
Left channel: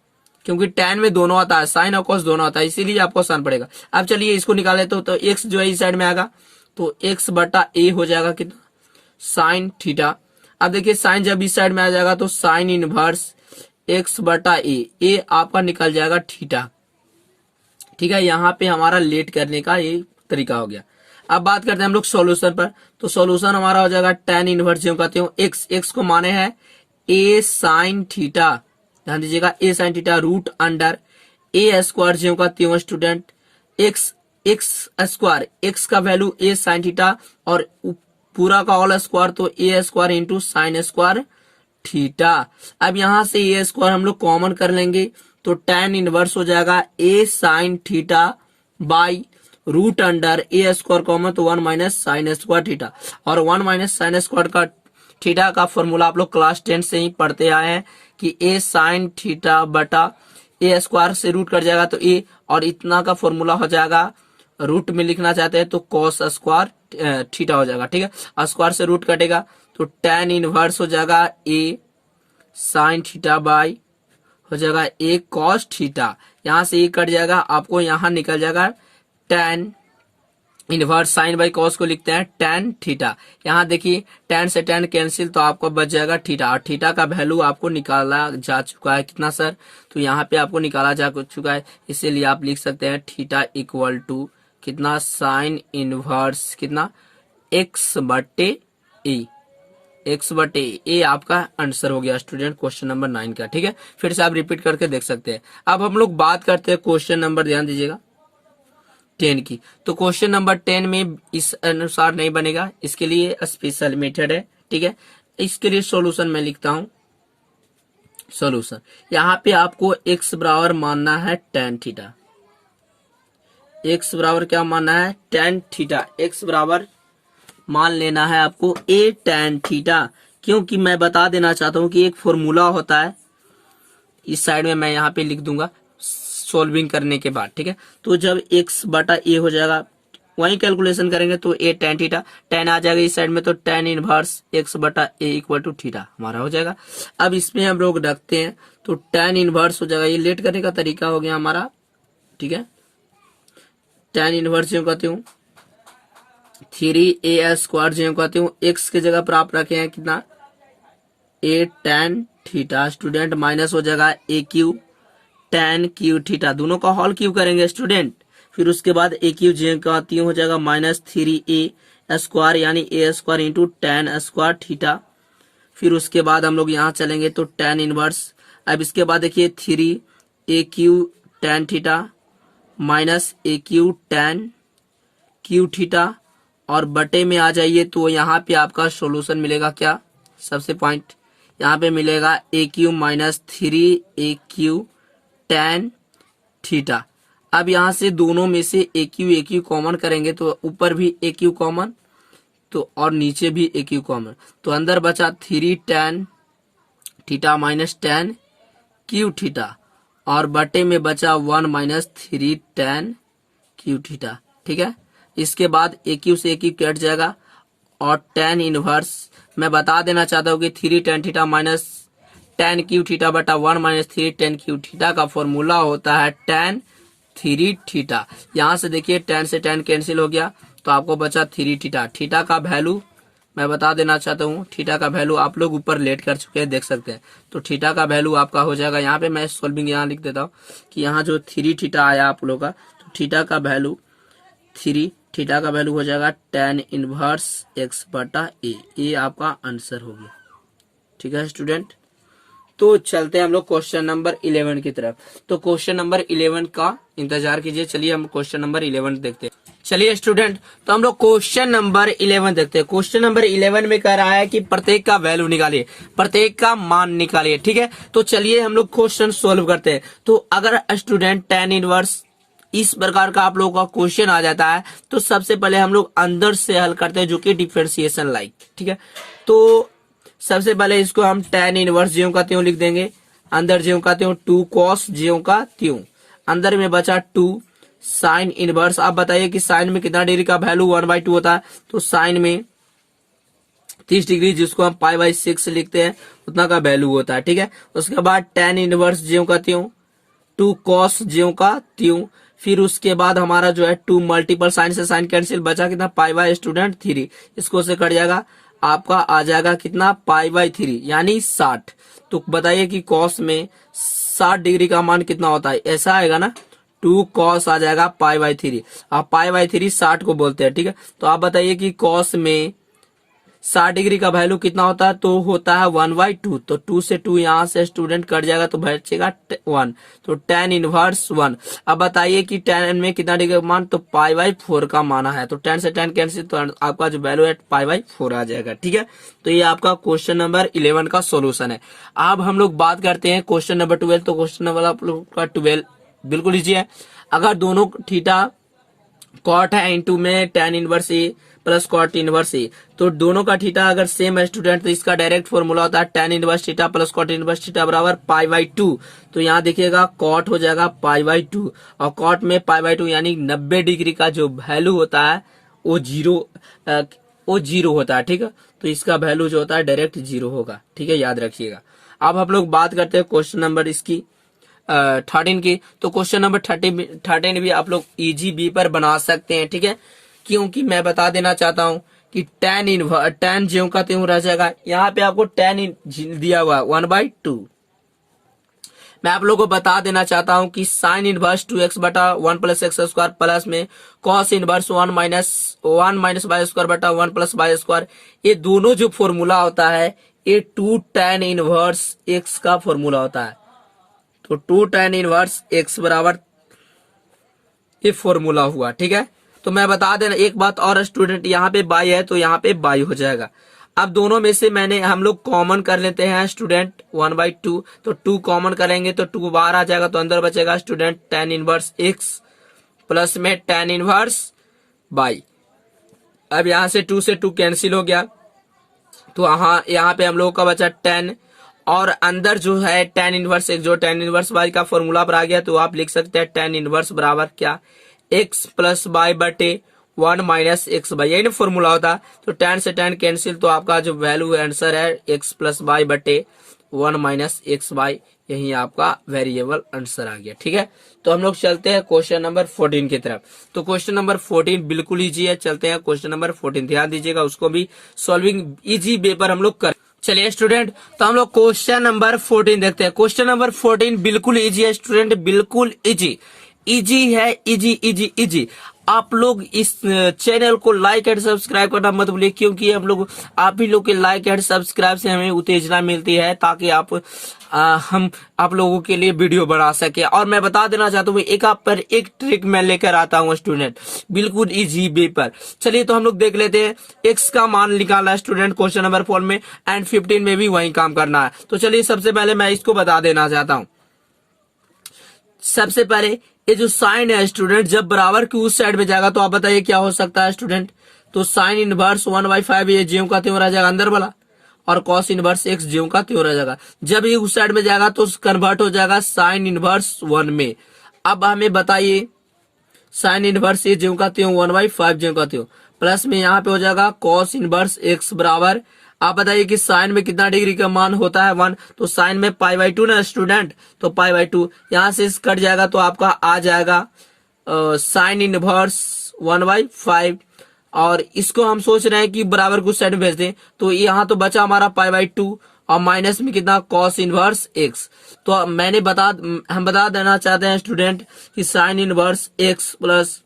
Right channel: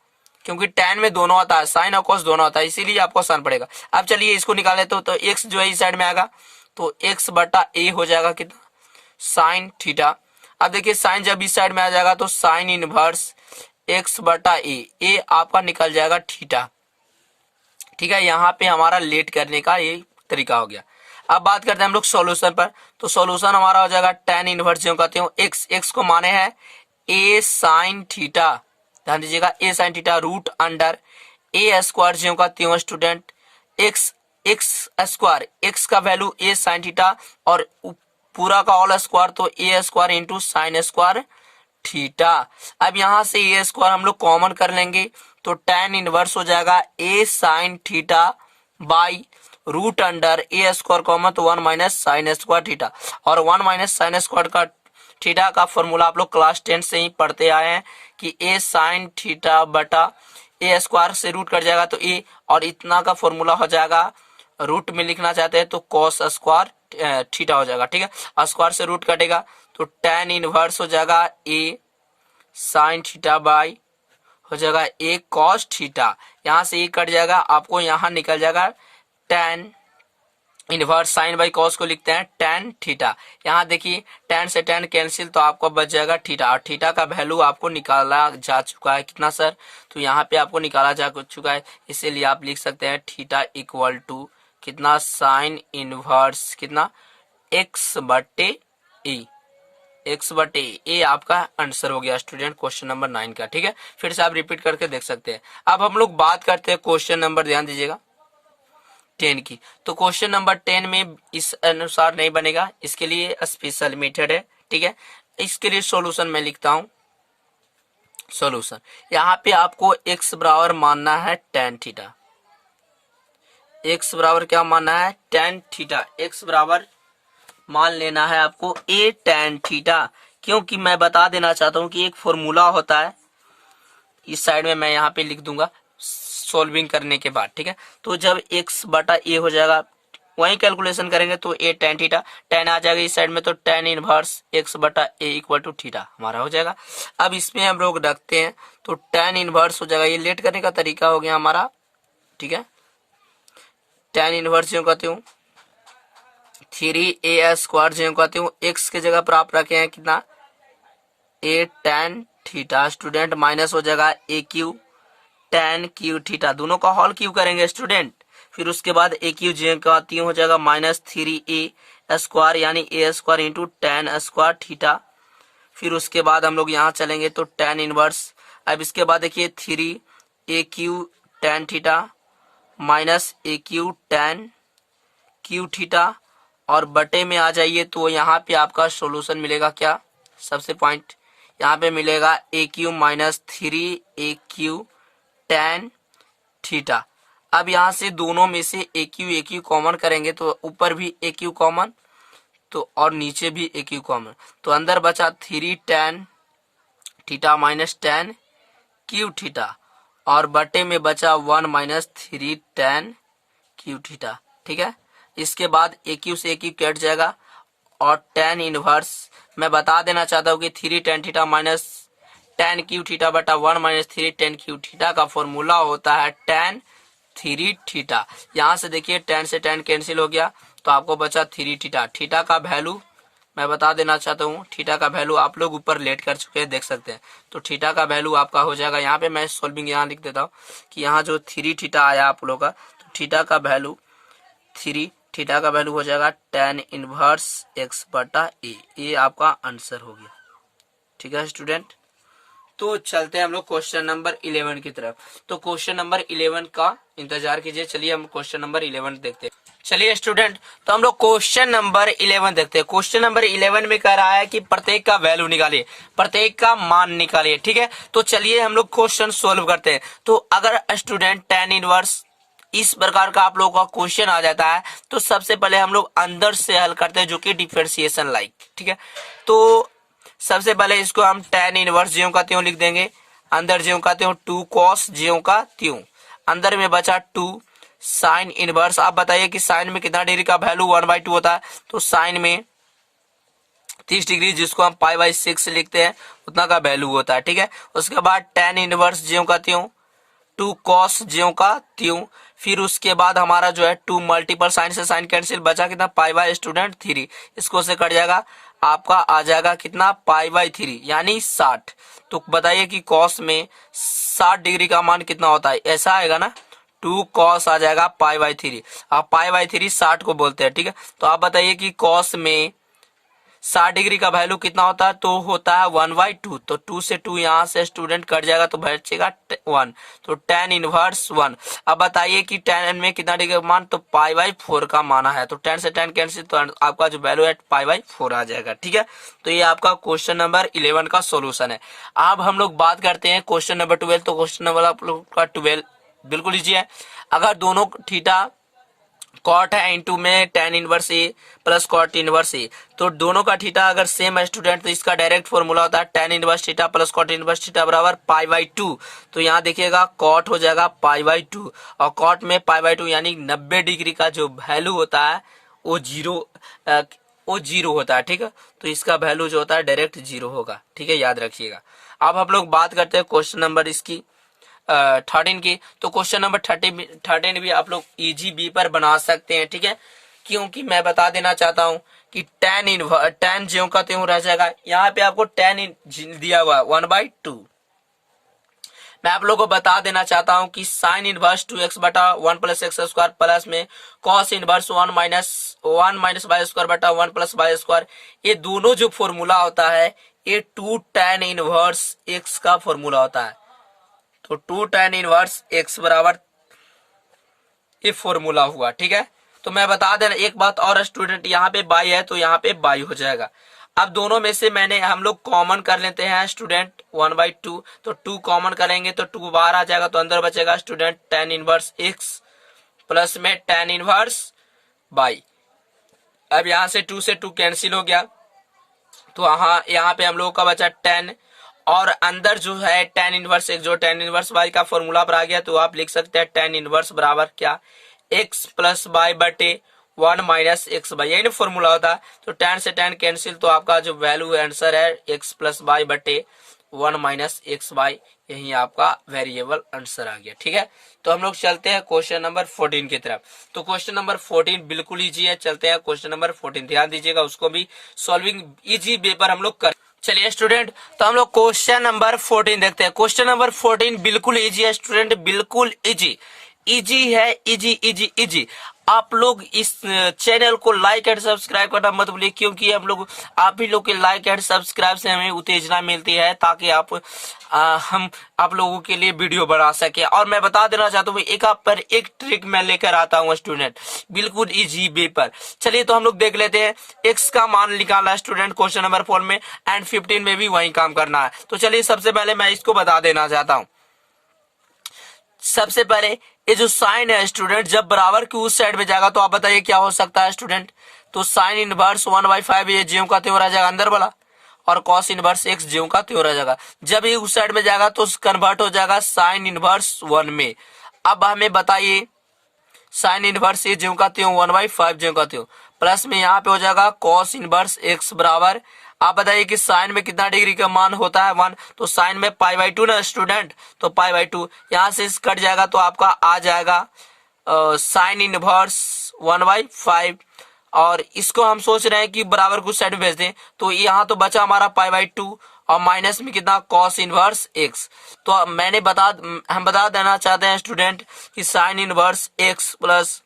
क्योंकि tan में दोनों आता है, साइन और कॉस दोनों आता है, इसीलिए आपको आसान पड़ेगा। अब चलिए इसको निकालें तो x जो है इस साइड में आएगा, तो x बटा a हो जाएगा कितना, साइन थीटा। अब देखिए साइन जब इस साइड में आ जाएगा तो साइन इनवर्स x बटा a आपका निकल जाएगा थीटा, ठीक है। यहाँ पे हमारा लेट करने का ये तरीका हो गया। अब बात करते हैं हम लोग सॉल्यूशन पर। तो सॉल्यूशन हमारा हो जाएगा tan इनवर्स जो कहते हो x को माने हैं a साइन थीटा, ध्यान दीजिएगा, a sine theta root under a square जो कहते हो student x x square, x का वैल्यू ए साइन थीटा और पूरा का ऑल स्क्वायर तो A square into sine square theta. अब यहां से ए स्क्वायर हम लोग कॉमन कर लेंगे तो tan इनवर्स हो जाएगा A sine theta by root under A square common तो 1 माइनस साइन स्क्वायर थीटा। और 1 माइनस साइन स्क्वायर का थीटा का फॉर्मूला आप लोग क्लास 10 से ही पढ़ते आए हैं कि ए साइन थीटा बटा ए स्क्वायर से रूट कट जाएगा तो ए, और इतना का फॉर्मूला हो जाएगा, रूट में लिखना चाहते हैं तो कॉस स्क्वायर थीटा हो जाएगा। ठीक है, स्क्वायर से रूट कटेगा तो tan इनवर्स हो जाएगा ए साइन थीटा बाई हो जाएगा ए कॉस थीटा। यहां से ए कट जाएगा, आपको यहां निकल जाएगा tan inverse sine by cos को लिखते हैं tan थीटा। यहाँ देखिए tan से tan कैंसिल तो आपको बच जाएगा थीटा, और थीटा का वैल्यू आपको निकाला जा चुका है कितना सर, तो यहाँ पे आपको निकाला जा चुका है, इसीलिए आप लिख सकते हैं थीटा इक्वल टू कितना साइन इनवर्स कितना x बटे ए, x बटे ए आपका आंसर हो गया स्टूडेंट क्वेश्चन नंबर 9 का। ठीक है, फिर से आप रिपीट करके देख सकते हैं। अब हम लोग बात करते हैं क्वेश्चन नंबर, ध्यान दीजिएगा 10 की। तो क्वेश्चन नंबर 10 में इस अनुसार नहीं बनेगा, इसके लिए स्पेशल मेथड है। ठीक है, इसके लिए सॉल्यूशन मैं लिखता हूं। सॉल्यूशन यहाँ पे आपको x बराबर मानना है tan थीटा, x बराबर क्या मानना है tan थीटा, x बराबर मान लेना है आपको a tan थीटा, क्योंकि मैं बता देना चाहता हूं कि एक फॉर्मूला होता है, इस साइड में मैं यहाँ पे लिख दूंगा सॉल्विंग करने के बाद। ठीक है, तो जब x बटा a हो जाएगा वहीं कैलकुलेशन करेंगे तो a tan थीटा, tan आ जाएगा इस साइड में तो tan इनवर्स x बटा a इक्वल टू थीटा हमारा हो जाएगा। अब इसमें हम लोग रखते हैं तो tan इनवर्स हो जाएगा, ये लेट करने का तरीका हो गया हमारा। ठीक है, tan इनवर्स जो कहते हूँ 3a स्क्वायर जो कहते हूँ x की जगह पर आप रखे हैं कितना a tan theta student, minus हो जाएगा a Q tan Q theta, दोनों का हॉल क्यू करेंगे स्टूडेंट। फिर उसके बाद a क्यू जो कहती हो जाएगा माइनस 3a स्क्वायर यानी a square into tan square theta. फिर उसके बाद हम लोग यहाँ चलेंगे तो tan इनवर्स, अब इसके बाद देखिए 3a Q tan theta minus a Q tan Q theta, और बटे में आ जाइए तो यहाँ पे आपका सॉल्यूशन मिलेगा क्या, सबसे पॉइंट यहाँ पे मिलेगा A Q minus 3a Q tan theta. अब यहाँ से दोनों में से ए क्यू कॉमन करेंगे तो ऊपर भी ए क्यू कॉमन तो और नीचे भी ए क्यू कॉमन, तो अंदर बचा 3 tan theta minus tan Q theta, और बटे में बचा 1 माइनस 3 tan क्यू थीटा। ठीक है, इसके बाद ए क्यू से ए क्यू कट जाएगा और tan इनवर्स मैं बता देना चाहता हूँ कि 3 tan theta minus tan Q theta बटा 1 माइनस 3 tan क्यू थीटा का फॉर्मूला होता है tan 3 थीटा। यहाँ से देखिए tan से tan कैंसिल हो गया तो आपको बचा 3 थीटा। थीटा का वैल्यू मैं बता देना चाहता हूँ, थीटा का वैल्यू आप लोग ऊपर लेट कर चुके हैं देख सकते हैं, तो थीटा का वैल्यू आपका हो जाएगा, यहाँ पे मैं सॉल्विंग यहाँ लिख देता हूँ कि यहाँ जो 3 थीटा आया आप लोग का, तो थीटा का वैल्यू 3 थीटा का वैल्यू हो जाएगा tan इनवर्स x बटा a, ये आपका आंसर हो गया। ठीक है स्टूडेंट, तो चलते हैं हम लोग क्वेश्चन नंबर 11 की तरफ। तो क्वेश्चन नंबर 11 का इंतजार कीजिए, चलिए हम क्वेश्चन नंबर 11 देखते हैं। चलिए स्टूडेंट, तो हम लोग क्वेश्चन नंबर 11 देखते हैं। क्वेश्चन नंबर 11 में कह रहा है कि प्रत्येक का वैल्यू निकालिए, प्रत्येक का मान निकालिए। ठीक है, तो चलिए हम लोग क्वेश्चन सोल्व करते हैं। तो अगर स्टूडेंट tan इनवर्स इस प्रकार का आप लोगों का क्वेश्चन आ जाता है तो सबसे पहले हम लोग अंदर से हल करते हैं, जो कि डिफरेंशिएशन लाइक। ठीक है, तो सबसे पहले इसको हम tan इनवर्स ज्यों का त्यों लिख देंगे, अंदर ज्यों का त्यों 2 cos ज्यों का त्यों, अंदर में बचा 2 साइन इनवर्स। आप बताइए कि साइन में कितना डिग्री का वैल्यू 1/2 होता है, तो साइन में 30 डिग्री जिसको हम π/6 लिखते हैं उतना का वैल्यू होता है। ठीक है, उसके बाद tan इनवर्स ज्यों का त्यों 2 cos ज्यों का त्यों, फिर उसके बाद हमारा जो है 2 मल्टीपल साइन से साइन कैंसिल, बचा कितना π/3, इसको से कट जाएगा आपका आ जाएगा कितना π/3 यानी 60। तो बताइए कि cos में 60 डिग्री का मान कितना होता है, ऐसा आएगा ना 2 cos आ जाएगा π/3, आप π/3 60 को बोलते हैं। ठीक है, तो आप बताइए कि cos में 60 डिग्री का वैल्यू कितना होता है, तो होता है 1/2। तो 2 से 2 यहाँ से स्टूडेंट कट जाएगा तो बचेगा 1, तो tan इनवर्स 1। अब बताइए कि tan में कितना डिग्री का मान, तो π/4 का माना है, तो tan से tan कैंसिल, तो आपका जो वैल्यू है π/4 आ जाएगा। ठीक है, तो ये आपका क्वेश्चन नंबर 11 का सोल्यूशन है। अब हम लोग बात करते हैं क्वेश्चन नंबर 12। तो क्वेश्चन नंबर आप लोग का 12 बिल्कुल इजी है। अगर दोनों थीटा कॉट है इनटू में tan इनवर्स ए प्लस कॉट इनवर्स ए, तो दोनों का थीटा अगर सेम है स्टूडेंट, तो इसका डायरेक्ट फॉर्मूला होता है tan inverse theta plus cot inverse theta बराबर π/2। तो यहाँ देखिएगा कॉट हो जाएगा π/2, और कॉट में π/2 यानी 90 डिग्री का जो वैल्यू होता है वो जीरो होता है। ठीक है, तो इसका वैल्यू जो होता है डायरेक्ट जीरो होगा। ठीक है, याद रखिएगा। अब हम लोग बात करते हैं क्वेश्चन नंबर इसकी 13 की। तो क्वेश्चन नंबर 13 भी आप लोग इजी बी पर बना सकते हैं। ठीक है, क्योंकि मैं बता देना चाहता हूं कि tan ज्यों का त्यों रह जाएगा। यहाँ पे आपको tan दिया हुआ है 1/2। मैं आप लोगों को बता देना चाहता हूं कि साइन इनवर्स 2x बटा 1 प्लस एक्स स्क्वायर प्लस में cos inverse 1 minus y square बटा 1 प्लस वाई स्क्वायर, ये दोनों जो फॉर्मूला होता है ये 2 tan इनवर्स x का फॉर्मूला होता है। तो 2 tan इनवर्स x बराबर ये फॉर्मूला हुआ। ठीक है, तो मैं बता देना एक बात और स्टूडेंट, यहाँ पे बाई है तो यहाँ पे बाई हो जाएगा। अब दोनों में से हम लोग कॉमन कर लेते हैं स्टूडेंट 1/2। तो 2 कॉमन करेंगे तो 2 बाहर आ जाएगा, तो अंदर बचेगा student tan inverse x plus में tan इनवर्स बाई। अब यहाँ से 2 से 2 कैंसिल हो गया, तो यहाँ पे हम लोगों का बचा tan, और अंदर जो है tan इनवर्स x जो tan इनवर्स y का फॉर्मूला पर आ गया, तो आप लिख सकते हैं tan इनवर्स बराबर क्या, x प्लस y बटे 1 माइनस एक्स बाई, यही ना फॉर्मूला होता। तो tan से tan कैंसिल, तो आपका जो वैल्यू आंसर है x प्लस y बटे 1 माइनस एक्स बाई, यही आपका वेरिएबल आंसर आ गया। ठीक है, तो हम लोग चलते हैं क्वेश्चन नंबर 14 की तरफ। तो क्वेश्चन नंबर 14 बिल्कुल इजी है। चलते हैं क्वेश्चन नंबर 14, ध्यान दीजिएगा, उसको भी सॉल्विंग इजी वे पर हम लोग कर। चलिए स्टूडेंट, तो हम लोग क्वेश्चन नंबर 14 देखते हैं। क्वेश्चन नंबर 14 बिल्कुल इजी है स्टूडेंट, बिल्कुल इजी है, इजी। आप लोग इस चैनल को लाइक एंड सब्सक्राइब करना मत भूलिए, क्योंकि आप ही लोग के लाइक एंड सब्सक्राइब से हमें उत्तेजना मिलती है, ताकि हम आप लोगों के लिए वीडियो बना सके। और मैं बता देना चाहता हूँ एक आप पर एक ट्रिक मैं लेकर आता हूँ स्टूडेंट, बिल्कुल इजी वे पर। चलिए तो हम लोग देख लेते हैं। एक्स का मान निकालना है स्टूडेंट क्वेश्चन नंबर 4 में, एंड 15 में भी वही काम करना है। तो चलिए सबसे पहले मैं इसको बता देना चाहता हूँ। सबसे पहले ये जो साइन है स्टूडेंट, जब बराबर की उस साइड में जाएगा तो आप बताइए क्या हो सकता है स्टूडेंट। तो साइन इनवर्स 1/5 ये ज्यों का त्यों रह जाएगा अंदर वाला, और कॉस इनवर्स एक्स ज्यों का त्यों रह जाएगा। जब ये उस साइड में जाएगा तो कन्वर्ट हो जाएगा साइन इनवर्स 1 में। अब हमें बताइए साइन इनवर्स ये ज्यों का त्यों 1/5 ज्यों का त्यों, प्लस में यहाँ पे हो जाएगा कॉस इनवर्स एक्स बराबर, आप बताइए कि साइन में कितना डिग्री का मान होता है 1, तो साइन में π/2 ना स्टूडेंट, तो π/2 यहाँ से कट जाएगा, तो आपका आ जाएगा साइन इनवर्स 1/5। और इसको हम सोच रहे हैं कि बराबर कुछ साइड में भेज दें, तो यहाँ तो बचा हमारा π/2, और माइनस में कितना कॉस इनवर्स एक्स। तो हम बता देना चाहते हैं स्टूडेंट कि sine inverse x plus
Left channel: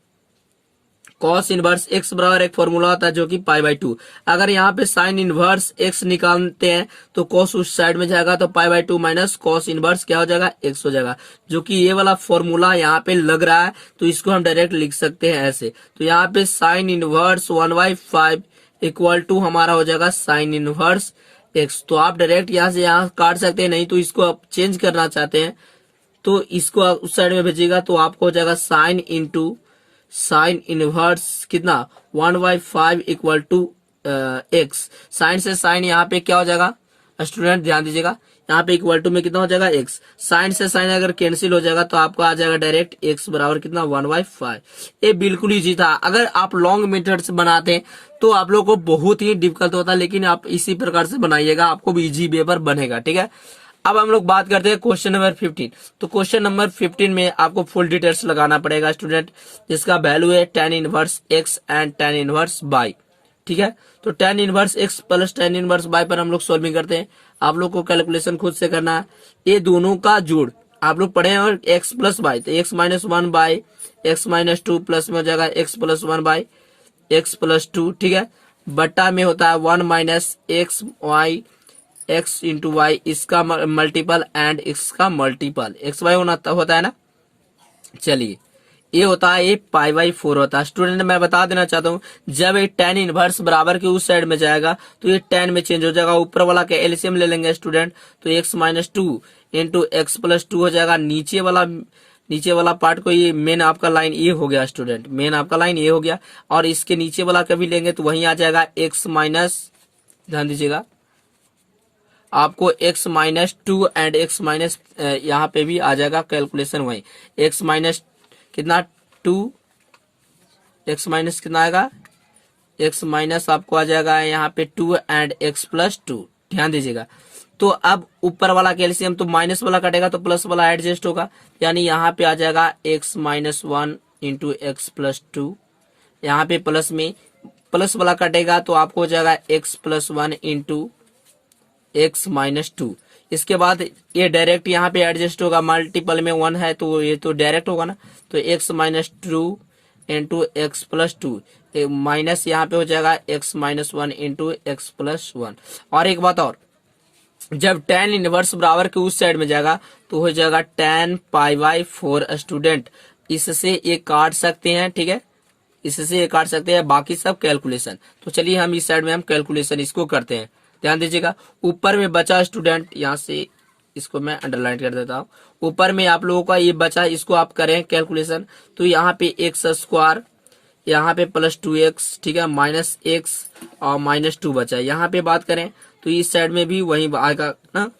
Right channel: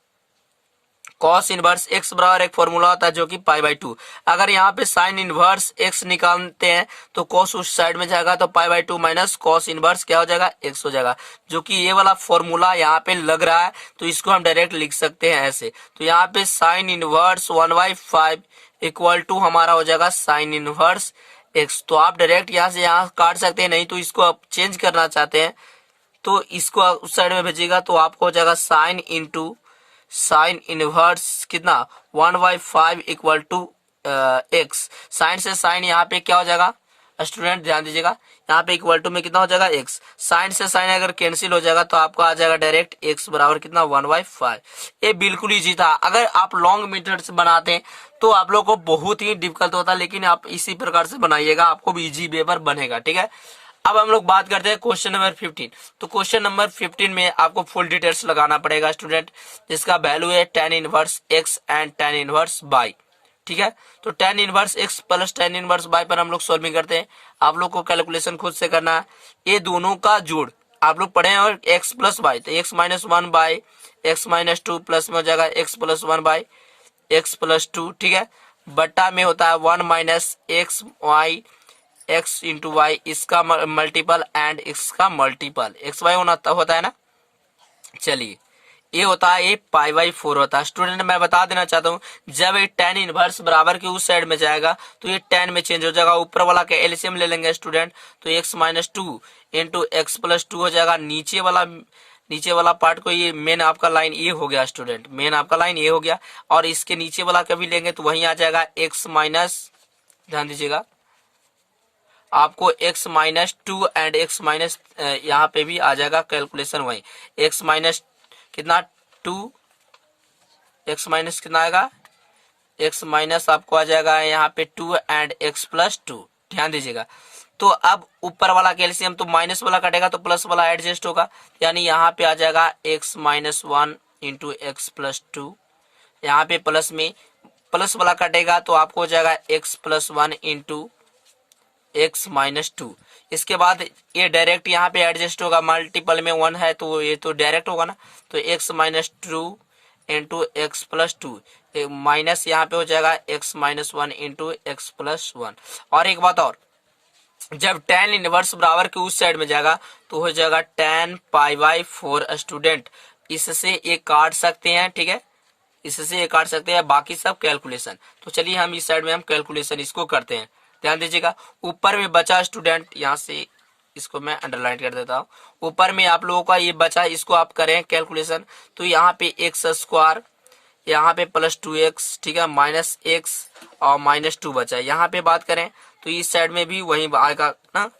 cos inverse x बराबर एक फॉर्मूला होता है जो कि π/2। अगर यहाँ पे साइन इनवर्स एक्स निकालते हैं तो कॉस उस साइड में जाएगा, तो π/2 माइनस कॉस इनवर्स क्या हो जाएगा, एक्स हो जाएगा, जो कि ये वाला फॉर्मूला यहाँ पे लग रहा है। तो इसको हम डायरेक्ट लिख सकते हैं ऐसे। तो यहाँ पे साइन इनवर्स 1/5 इक्वल टू हमारा हो जाएगा साइन इनवर्स एक्स। तो आप डायरेक्ट यहाँ से यहाँ काट सकते हैं, नहीं तो इसको आप चेंज करना चाहते हैं तो इसको उस साइड में भेजिएगा, तो आपको हो जाएगा साइन इंटू साइन इनवर्स कितना 1/5 इक्वल टू एक्स। साइन से साइन यहाँ पे क्या हो जाएगा स्टूडेंट, ध्यान दीजिएगा, यहाँ पे इक्वल टू में कितना हो जाएगा एक्स। साइन से साइन अगर कैंसिल हो जाएगा तो आपका आ जाएगा डायरेक्ट एक्स बराबर कितना 1/5। ये बिल्कुल इजी था। अगर आप लॉन्ग मेथड से बनाते तो आप लोग को बहुत ही डिफिकल्ट होता, लेकिन आप इसी प्रकार से बनाइएगा, आपको भी इजी वे पर बनेगा। ठीक है, अब हम लोग बात करते हैं क्वेश्चन नंबर 15। तो क्वेश्चन नंबर 15 में आपको फुल डिटेल्स लगाना पड़ेगा स्टूडेंट, जिसका वैल्यू है tan inverse x and tan inverse y। ठीक है, तो tan inverse x plus tan inverse y पर हम लोग सॉल्विंग करते हैं। आप लोग को कैलकुलेशन खुद से करना है। ये दोनों का जोड़ आप लोग पढ़े हैं, और x प्लस y, तो x minus 1 by x minus 2 plus में हो जाएगा x plus 1 by x plus 2। ठीक है, बट्टा में होता है 1 minus x y, x into y, इसका मल्टीपल एंड इसका मल्टीपल एक्स वाई होता है ना। चलिए ये होता है, ये पाई बाई 4 होता है। स्टूडेंट मैं बता देना चाहता हूँ, जब ये tan इनवर्स बराबर के उस साइड में जाएगा तो ये tan में चेंज हो जाएगा। ऊपर वाला का एलसीएम ले लेंगे स्टूडेंट, तो x minus two into x plus two हो जाएगा। नीचे वाला पार्ट को, ये मेन आपका लाइन ये हो गया स्टूडेंट, मेन आपका लाइन ये हो गया। और इसके नीचे वाला कभी लेंगे तो वहीं आ जाएगा x माइनस, ध्यान दीजिएगा आपको x minus two and x minus यहाँ पे भी आ जाएगा कैलकुलेशन वही। x माइनस कितना 2, x माइनस कितना आएगा, x माइनस आपको आ जाएगा यहाँ पे 2 एंड x प्लस 2, ध्यान दीजिएगा। तो अब ऊपर वाला कैल्शियम तो माइनस वाला कटेगा तो प्लस वाला एडजस्ट होगा, यानी यहाँ पे आ जाएगा x minus 1 into x plus 2। यहाँ पे प्लस में प्लस वाला कटेगा तो आपको हो जाएगा x plus 1 into x minus 2। इसके बाद ये डायरेक्ट यहाँ पे एडजस्ट होगा, मल्टीपल में 1 है तो ये तो डायरेक्ट होगा ना, तो x minus 2 into x plus 2, minus यहाँ पे हो जाएगा x minus 1 into x plus 1। और एक बात और, जब tan इनवर्स बराबर के उस साइड में जाएगा तो हो जाएगा tan पाई बाई 4 स्टूडेंट। इससे ये काट सकते हैं, ठीक है, इससे ये काट सकते हैं, बाकी सब कैलकुलेशन। तो चलिए हम इस साइड में हम कैलकुलेशन इसको करते हैं, ध्यान दीजिएगा। ऊपर में बचा स्टूडेंट, यहाँ से इसको मैं अंडरलाइन कर देता हूँ, ऊपर में आप लोगों का ये बचा, इसको आप करें कैलकुलेशन। तो यहाँ पे एक्स स्क्वायर, यहाँ पे प्लस 2x, ठीक है, माइनस एक्स और माइनस 2 बचा। यहाँ पे बात करें तो इस साइड में भी वही आएगा ना,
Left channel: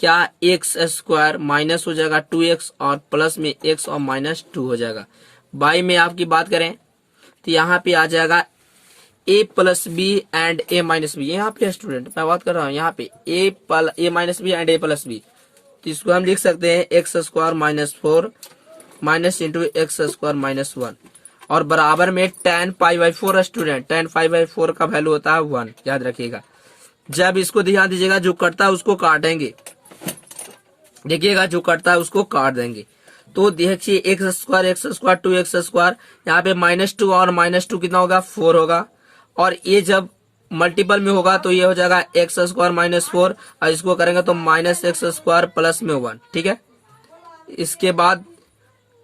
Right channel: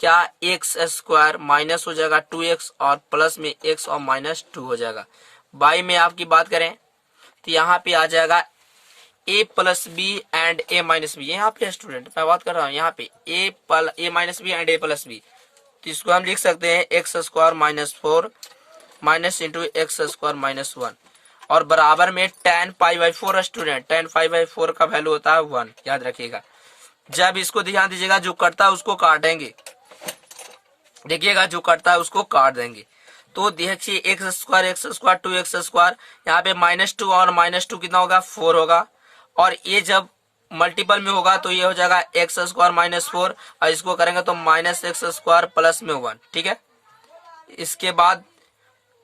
क्या एक्स स्क्वायर माइनस हो जाएगा 2x और प्लस में x और माइनस 2 हो जाएगा। बाई में आपकी बात करें तो यहाँ पे आ जाएगा a plus B and a minus B. यहाँ पे स्टूडेंट मैं बात कर रहा हूँ, यहाँ पे a minus B and a plus B, तो इसको हम लिख सकते हैं x square minus 4 minus into x square minus 1 और बराबर में tan pi by 4 student. tan pi by 4 का वैल्यू होता है 1, याद रखिएगा। जब इसको ध्यान दीजिएगा, जो कटता है उसको काटेंगे, देखिएगा जो कटता है उसको काट देंगे। तो देखिए एक्स स्क्वायर 2x स्क्वायर, यहाँ पे माइनस 2 और माइनस 2 कितना होगा 4 होगा। और ये जब मल्टीपल में होगा तो ये हो जाएगा एक्स स्क्वायर माइनस 4 और इसको करेंगे तो माइनस एक्स स्क्वायर प्लस में 1, ठीक है। इसके बाद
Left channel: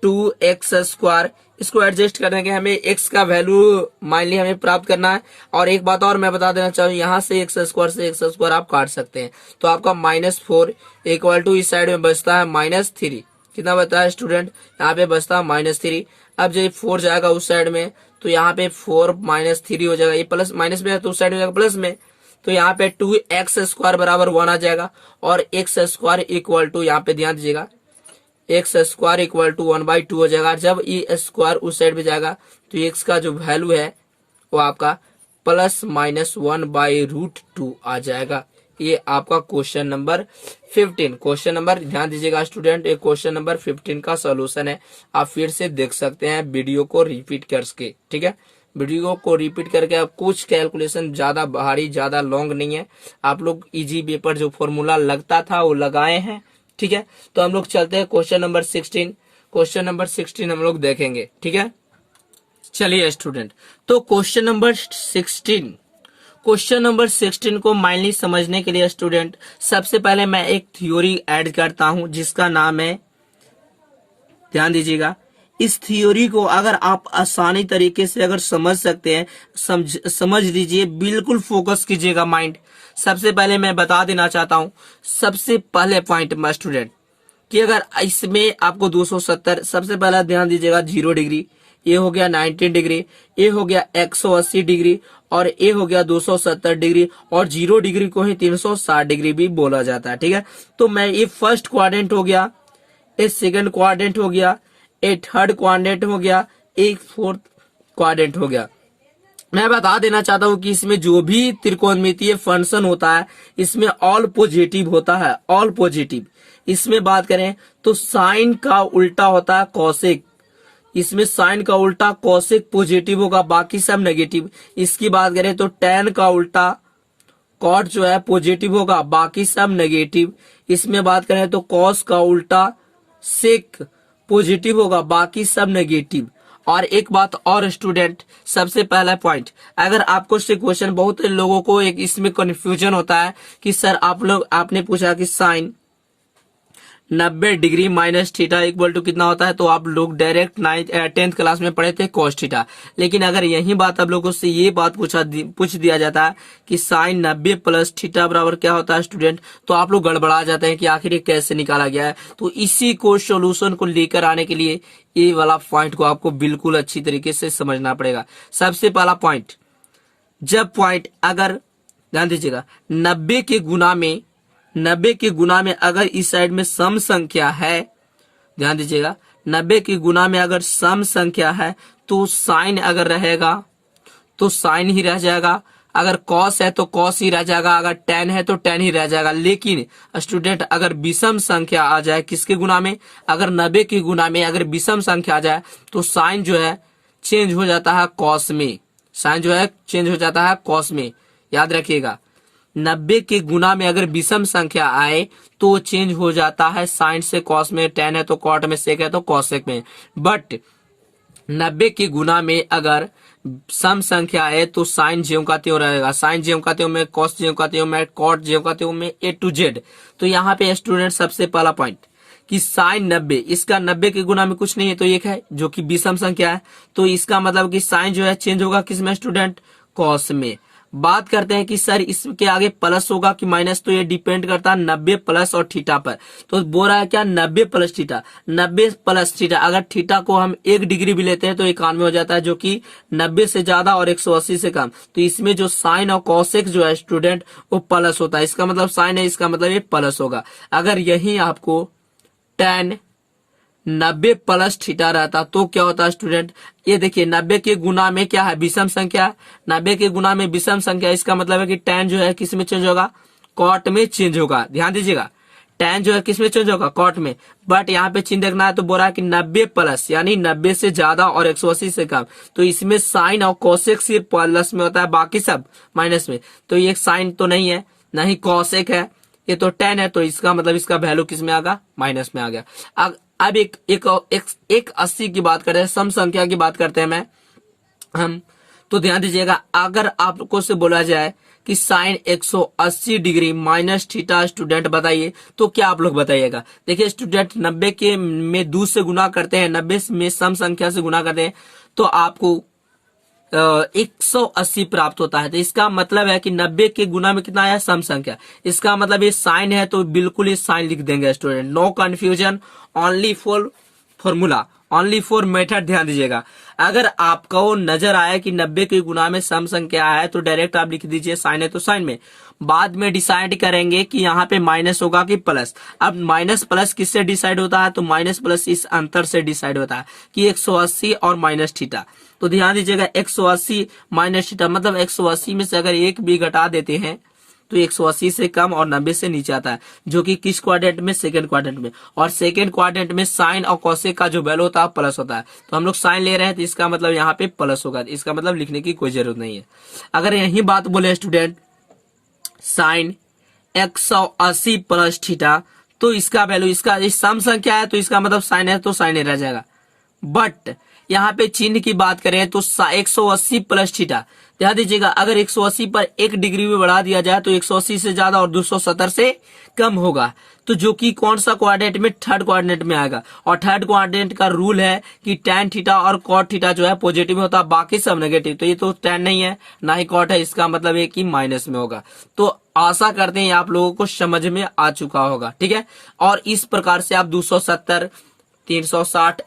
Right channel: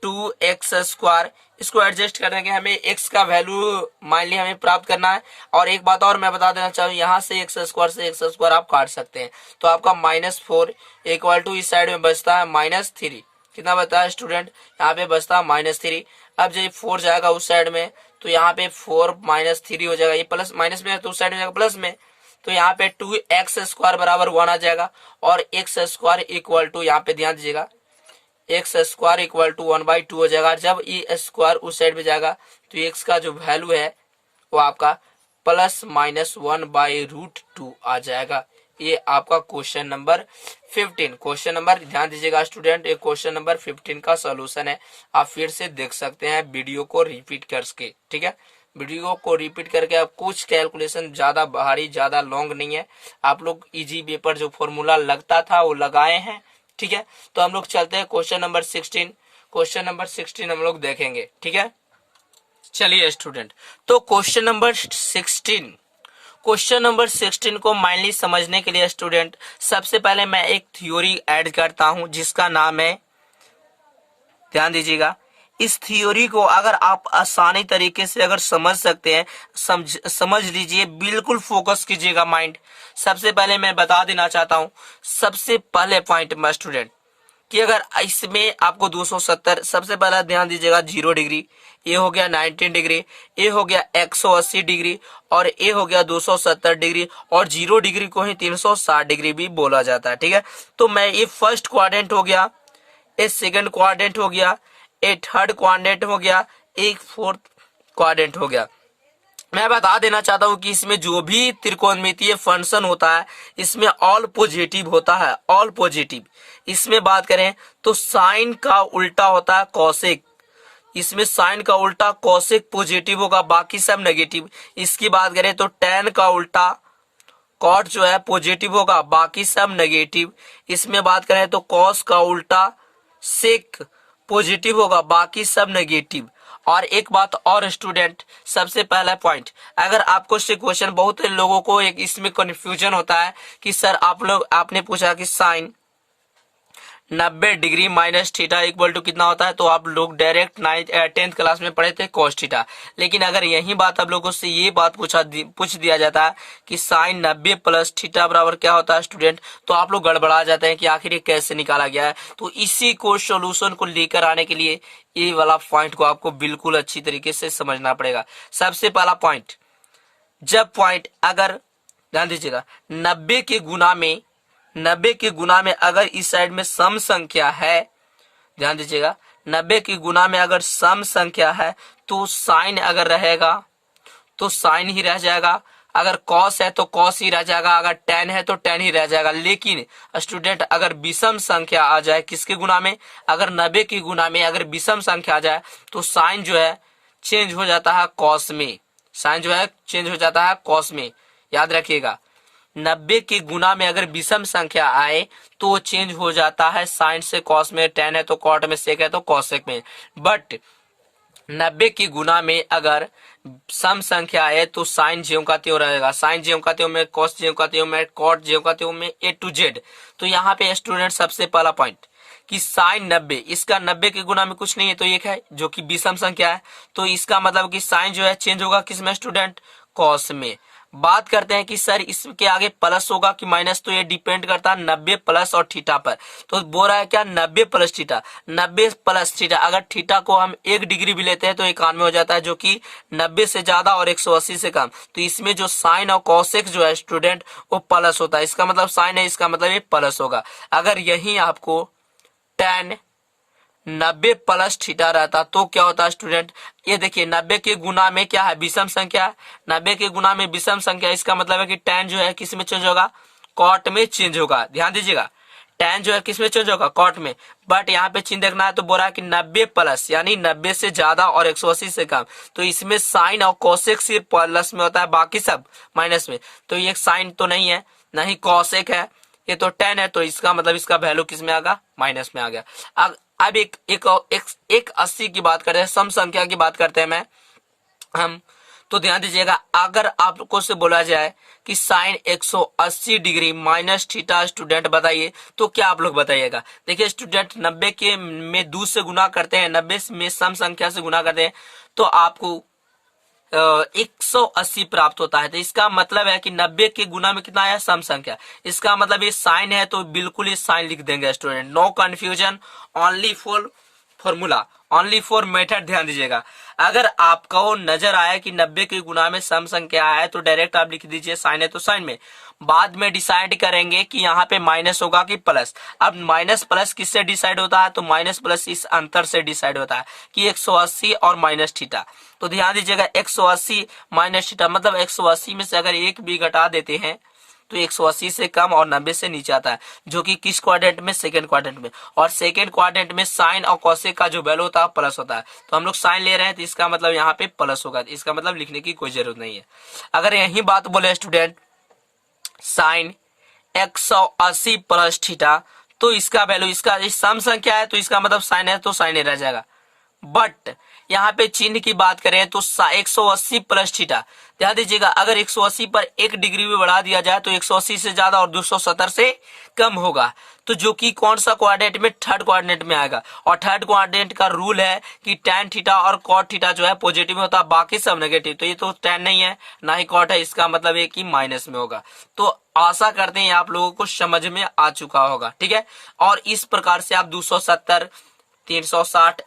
2x स्क्वायर, इसको एडजस्ट करने के हमें x का वैल्यू मान ली हमें प्राप्त करना है। और एक बात और मैं बता देना चाहूँ, यहाँ से एक्स स्क्वायर आप काट सकते हैं, तो आपका -4 इक्वल टू इस साइड में बचता है -3। कितना बचता है स्टूडेंट, यहाँ पे बचता है -3। अब जब 4 जाएगा उस साइड में तो यहाँ पे 4 -3 हो जाएगा, ये प्लस माइनस में है तो उस साइड में जाएगा प्लस में, तो यहाँ पे 2x स्क्वायर बराबर 1 आ जाएगा। और x स्क्वायर इक्वल टू, यहाँ पे ध्यान दीजिएगा, एक्स स्क्वायर इक्वल टू 1/2 हो जाएगा। जब ये स्क्वायर उस साइड में जाएगा तो एक्स का जो वैल्यू है वो आपका +-1/√2 आ जाएगा। ये आपका क्वेश्चन नंबर 15, क्वेश्चन नंबर ध्यान दीजिएगा स्टूडेंट, ये क्वेश्चन नंबर 15 का सोल्यूशन है। आप फिर से देख सकते हैं वीडियो को रिपीट करके, ठीक है, वीडियो को रिपीट करके। अब कुछ कैलकुलेशन ज्यादा भारी ज्यादा लॉन्ग नहीं है, आप लोग इजी पेपर जो फॉर्मूला लगता था वो लगाए हैं, ठीक है। तो हम लोग चलते हैं क्वेश्चन नंबर 16, क्वेश्चन नंबर 16 हम लोग देखेंगे, ठीक है। चलिए स्टूडेंट, तो क्वेश्चन नंबर 16 को माइनली समझने के लिए स्टूडेंट सबसे पहले मैं एक थ्योरी ऐड करता हूं जिसका नाम है, ध्यान दीजिएगा, इस थ्योरी को अगर आप आसानी तरीके से अगर समझ सकते हैं, समझ लीजिए, बिल्कुल फोकस कीजिएगा माइंड। सबसे पहले मैं बता देना चाहता हूं, सबसे पहले पॉइंट में स्टूडेंट कि अगर इसमें आपको 270, सबसे पहला ध्यान दीजिएगा 0 डिग्री, ये हो गया 90 डिग्री, ये हो गया 180 डिग्री और ये हो गया 270 डिग्री, और 0 डिग्री को ही 360 डिग्री भी बोला जाता है, ठीक है। तो मैं ये फर्स्ट क्वाड्रेंट हो गया, ये सेकंड क्वाड्रेंट हो गया, ये थर्ड क्वाड्रेंट हो गया, एक फोर्थ क्वाड्रेंट हो गया। मैं बता देना चाहता हूं कि इसमें जो भी त्रिकोणमितीय फंक्शन होता है इसमें ऑल पॉजिटिव होता है, ऑल पॉजिटिव। इसमें बात करें तो साइन का उल्टा होता है कॉसेक, इसमें साइन का उल्टा कॉसेक पॉजिटिव होगा, बाकी सब नेगेटिव। इसकी बात करें तो tan का उल्टा कॉट जो है पॉजिटिव होगा, बाकी सब नेगेटिव। इसमें बात करें तो कॉस का उल्टा सेक पॉजिटिव होगा, बाकी सब नेगेटिव। और एक बात और स्टूडेंट, सबसे पहला पॉइंट, अगर आपको से क्वेश्चन, बहुत लोगों को एक इसमें कंफ्यूजन होता है कि सर आपने पूछा कि sine 90 degree minus theta equal to कितना होता है, तो आप लोग डायरेक्ट 10th क्लास में पढ़े थे कॉस थीटा। लेकिन अगर यही बात आप लोगों से ये बात पूछ दिया जाता है कि साइन 90 प्लस थीटा बराबर क्या होता है स्टूडेंट, तो आप लोग गड़बड़ा जाते हैं कि आखिर ये कैसे निकाला गया है। तो इसी को सोल्यूशन को लेकर आने के लिए ये वाला पॉइंट को आपको बिल्कुल अच्छी तरीके से समझना पड़ेगा। सबसे पहला पॉइंट, जब पॉइंट अगर ध्यान दीजिएगा 90 के गुना में अगर इस साइड में सम संख्या है, ध्यान दीजिएगा 90 के गुना में अगर सम संख्या है तो साइन अगर रहेगा तो साइन ही रह जाएगा, अगर कॉस है तो कॉस ही रह जाएगा, अगर टेन है तो टेन ही रह जाएगा। लेकिन स्टूडेंट अगर विषम संख्या आ जाए किसके गुना में, अगर 90 के गुना में अगर विषम संख्या आ जाए तो साइन जो है चेंज हो जाता है कॉस में, साइन जो है चेंज हो जाता है कॉस में। याद रखिएगा 90 के गुना में अगर विषम संख्या आए तो चेंज हो जाता है साइन से कॉस में, टेन है तो कॉट में, सेक है तो कॉसेक में। बट 90 के गुना में अगर सम संख्या आए तो साइन ज्यों का त्यों रहेगा, साइन ज्यों का त्यों में, कॉस ज्यों का त्यों में, कॉट ज्यों का त्यों में, A to Z। तो यहाँ पे स्टूडेंट सबसे पहला पॉइंट कि साइन 90, इसका 90 के गुना में कुछ नहीं है तो एक है जो कि विषम संख्या है, तो इसका मतलब कि साइन जो है चेंज होगा किसमें स्टूडेंट, कॉस में। बात करते हैं कि सर इसके आगे प्लस होगा कि माइनस, तो ये डिपेंड करता है 90 प्लस और थीटा पर। तो बोल रहा है क्या 90 प्लस थीटा, 90 प्लस थीटा, अगर थीटा को हम 1 डिग्री भी लेते हैं तो 91 हो जाता है, जो कि 90 से ज्यादा और 180 से कम। तो इसमें जो साइन और कॉसेक जो है स्टूडेंट वो प्लस होता है, इसका मतलब साइन है, इसका मतलब ये प्लस होगा। अगर यही आपको tan 90 प्लस थीटा रहता तो क्या होता है स्टूडेंट, ये देखिए 90 के गुना में क्या है विषम संख्या, 90 के गुना में विषम संख्या, इसका मतलब है कि tan जो है किस में चेंज होगा, कॉट में चेंज होगा। ध्यान दीजिएगा tan जो है किस में चेंज होगा, कॉट में। बट यहाँ पे चिन्ह देखना है तो बोल रहा है कि 90 प्लस यानी 90 से ज्यादा और 180 से कम, तो इसमें साइन और कॉसेक सिर्फ प्लस में होता है, बाकी सब माइनस में। तो ये साइन तो नहीं है, ना ही कॉसेक है, ये तो tan है, तो इसका मतलब इसका वैल्यू किस में आ गया, माइनस में आ गया। अब एक 80 की बात करते हैं, सम संख्या की बात करते हैं हम। तो ध्यान दीजिएगा अगर आपको से बोला जाए कि sine 180 degree minus theta student बताइए, तो क्या आप लोग बताइएगा। देखिए स्टूडेंट 90 के में 2 से गुना करते हैं, 90 में सम संख्या से गुना करते हैं तो आपको 180 प्राप्त होता है। तो इसका मतलब है कि 90 के गुना में कितना है, सम संख्या, इसका मतलब ये साइन है तो बिल्कुल ये साइन लिख देंगे student, no confusion, only for formula, only for method. ध्यान दीजिएगा अगर आपको नजर आए कि 90 के गुना में सम संख्या है तो डायरेक्ट आप लिख दीजिए साइन है तो साइन में, बाद में डिसाइड करेंगे कि यहाँ पे माइनस होगा कि प्लस। अब माइनस प्लस किससे डिसाइड होता है, तो माइनस प्लस इस अंतर से डिसाइड होता है कि 180 और माइनस थीटा। तो ध्यान दीजिएगा 180 माइनस थीटा मतलब 180 में से अगर एक भी घटा देते हैं तो 180 से कम और 90 से नीचे आता है, जो कि किस क्वाड्रेंट में, सेकंड क्वाड्रेंट में। और सेकंड क्वाड्रेंट में साइन और कॉसेक का जो वैल्यू होता है प्लस होता है, तो हम लोग साइन ले रहे हैं तो इसका मतलब यहाँ पे प्लस होगा, इसका मतलब लिखने की कोई जरूरत नहीं है। अगर यही बात बोले स्टूडेंट साइन 180 प्लस थीटा, तो इसका वैल्यू, इसका सम संख्या है तो इसका मतलब साइन है तो साइन रह जाएगा। बट यहाँ पे चिन्ह की बात करें तो 180 प्लस थीटा, ध्यान दीजिएगा अगर 180 पर 1 डिग्री भी बढ़ा दिया जाए तो 180 से ज्यादा और 270 से कम होगा, तो जो कि कौन सा क्वाड्रेंट में, थर्ड क्वाड्रेंट में आएगा। और थर्ड क्वाड्रेंट का रूल है कि tan थीटा और cot थीटा जो है पॉजिटिव में होता है, बाकी सब नेगेटिव। तो ये तो tan नहीं है ना ही cot है, इसका मतलब है कि माइनस में होगा। तो आशा करते हैं आप लोगों को समझ में आ चुका होगा, ठीक है। और इस प्रकार से आप 270 360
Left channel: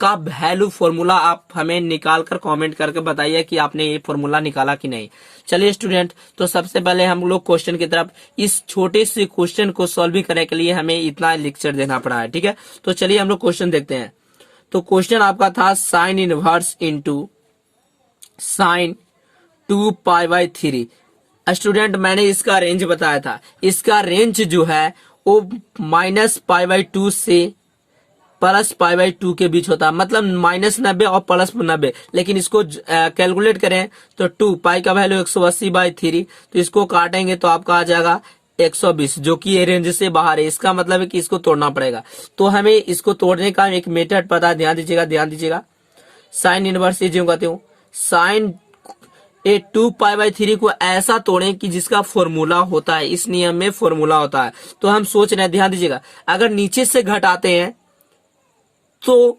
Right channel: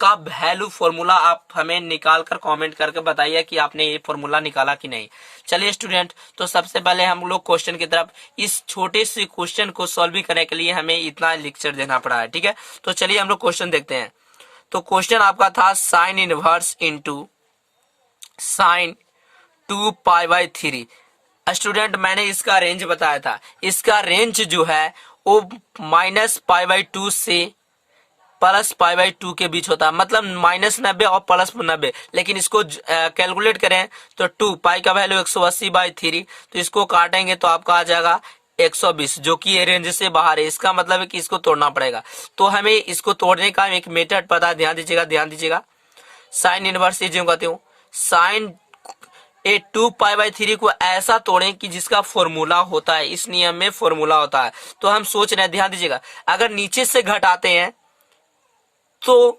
का वैल्यू फॉर्मूला आप हमें निकाल कर कमेंट करके बताइए कि आपने ये फॉर्मूला निकाला कि नहीं। चलिए स्टूडेंट, तो सबसे पहले हम लोग क्वेश्चन की तरफ, इस छोटे से क्वेश्चन को सॉल्व करने के लिए हमें इतना लेक्चर देना पड़ा है, ठीक है। तो चलिए हम लोग क्वेश्चन देखते हैं। तो क्वेश्चन आपका था sine inverse into sine 2π/3। Student मैंने इसका रेंज बताया था, इसका रेंज जो है वो -π/2 से +π/2 के बीच होता है, मतलब -90 और +90। लेकिन इसको कैलकुलेट करें तो 2 पाई का वैल्यू 180/3, तो इसको काटेंगे तो आपका आ जाएगा 120, जो कि ये रेंज से बाहर है। इसका मतलब है कि इसको तोड़ना पड़ेगा। तो हमें इसको तोड़ने का एक मेथड पता है, ध्यान दीजिएगा साइन इनवर्स ए ज्यों का त्यों साइन ए 2π/3 को ऐसा तोड़ें कि जिसका फॉर्मूला होता है, इस नियम में फॉर्मूला होता है। तो हम सोच रहे हैं, ध्यान दीजिएगा, अगर नीचे से घटाते हैं तो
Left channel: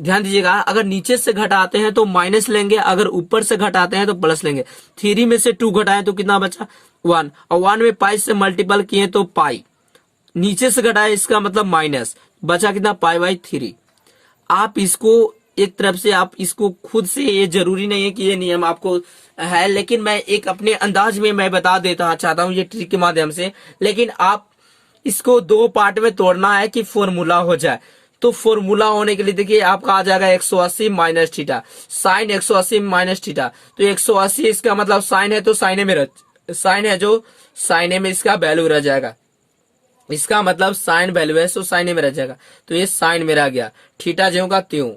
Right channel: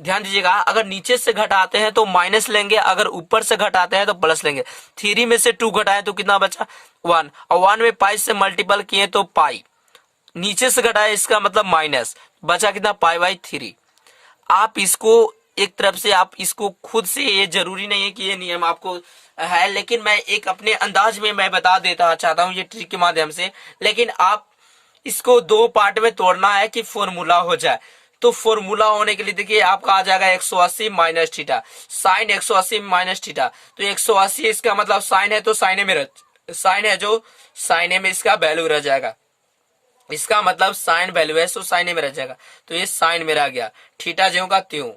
ध्यान दीजिएगा, अगर नीचे से घटाते हैं तो माइनस लेंगे, अगर ऊपर से घटाते हैं तो प्लस लेंगे। 3 में से 2 घटाएं तो कितना बचा 1, और 1 में पाई से मल्टीपल किए तो पाई, नीचे से घटाए इसका मतलब माइनस, बचा कितना π/3। आप इसको एक तरफ से आप इसको खुद से, ये जरूरी नहीं है कि ये नियम आपको है, लेकिन मैं एक अपने अंदाज में मैं बता देता चाहता हूँ ये ट्रिक के माध्यम से। लेकिन आप इसको 2 पार्ट में तोड़ना है कि फॉर्मूला हो जाए। तो फॉर्मूला होने के लिए देखिए आपका आ जाएगा 180 minus theta, sine 180 minus theta. तो 180 इसका मतलब साइन है, तो साइने में साइन है जो साइने में इसका वैल्यू रह जाएगा, इसका मतलब साइन वैल्यू है, सो साइने में रह जाएगा। तो ये साइन में रह गया, थीटा ज्यों का त्यों।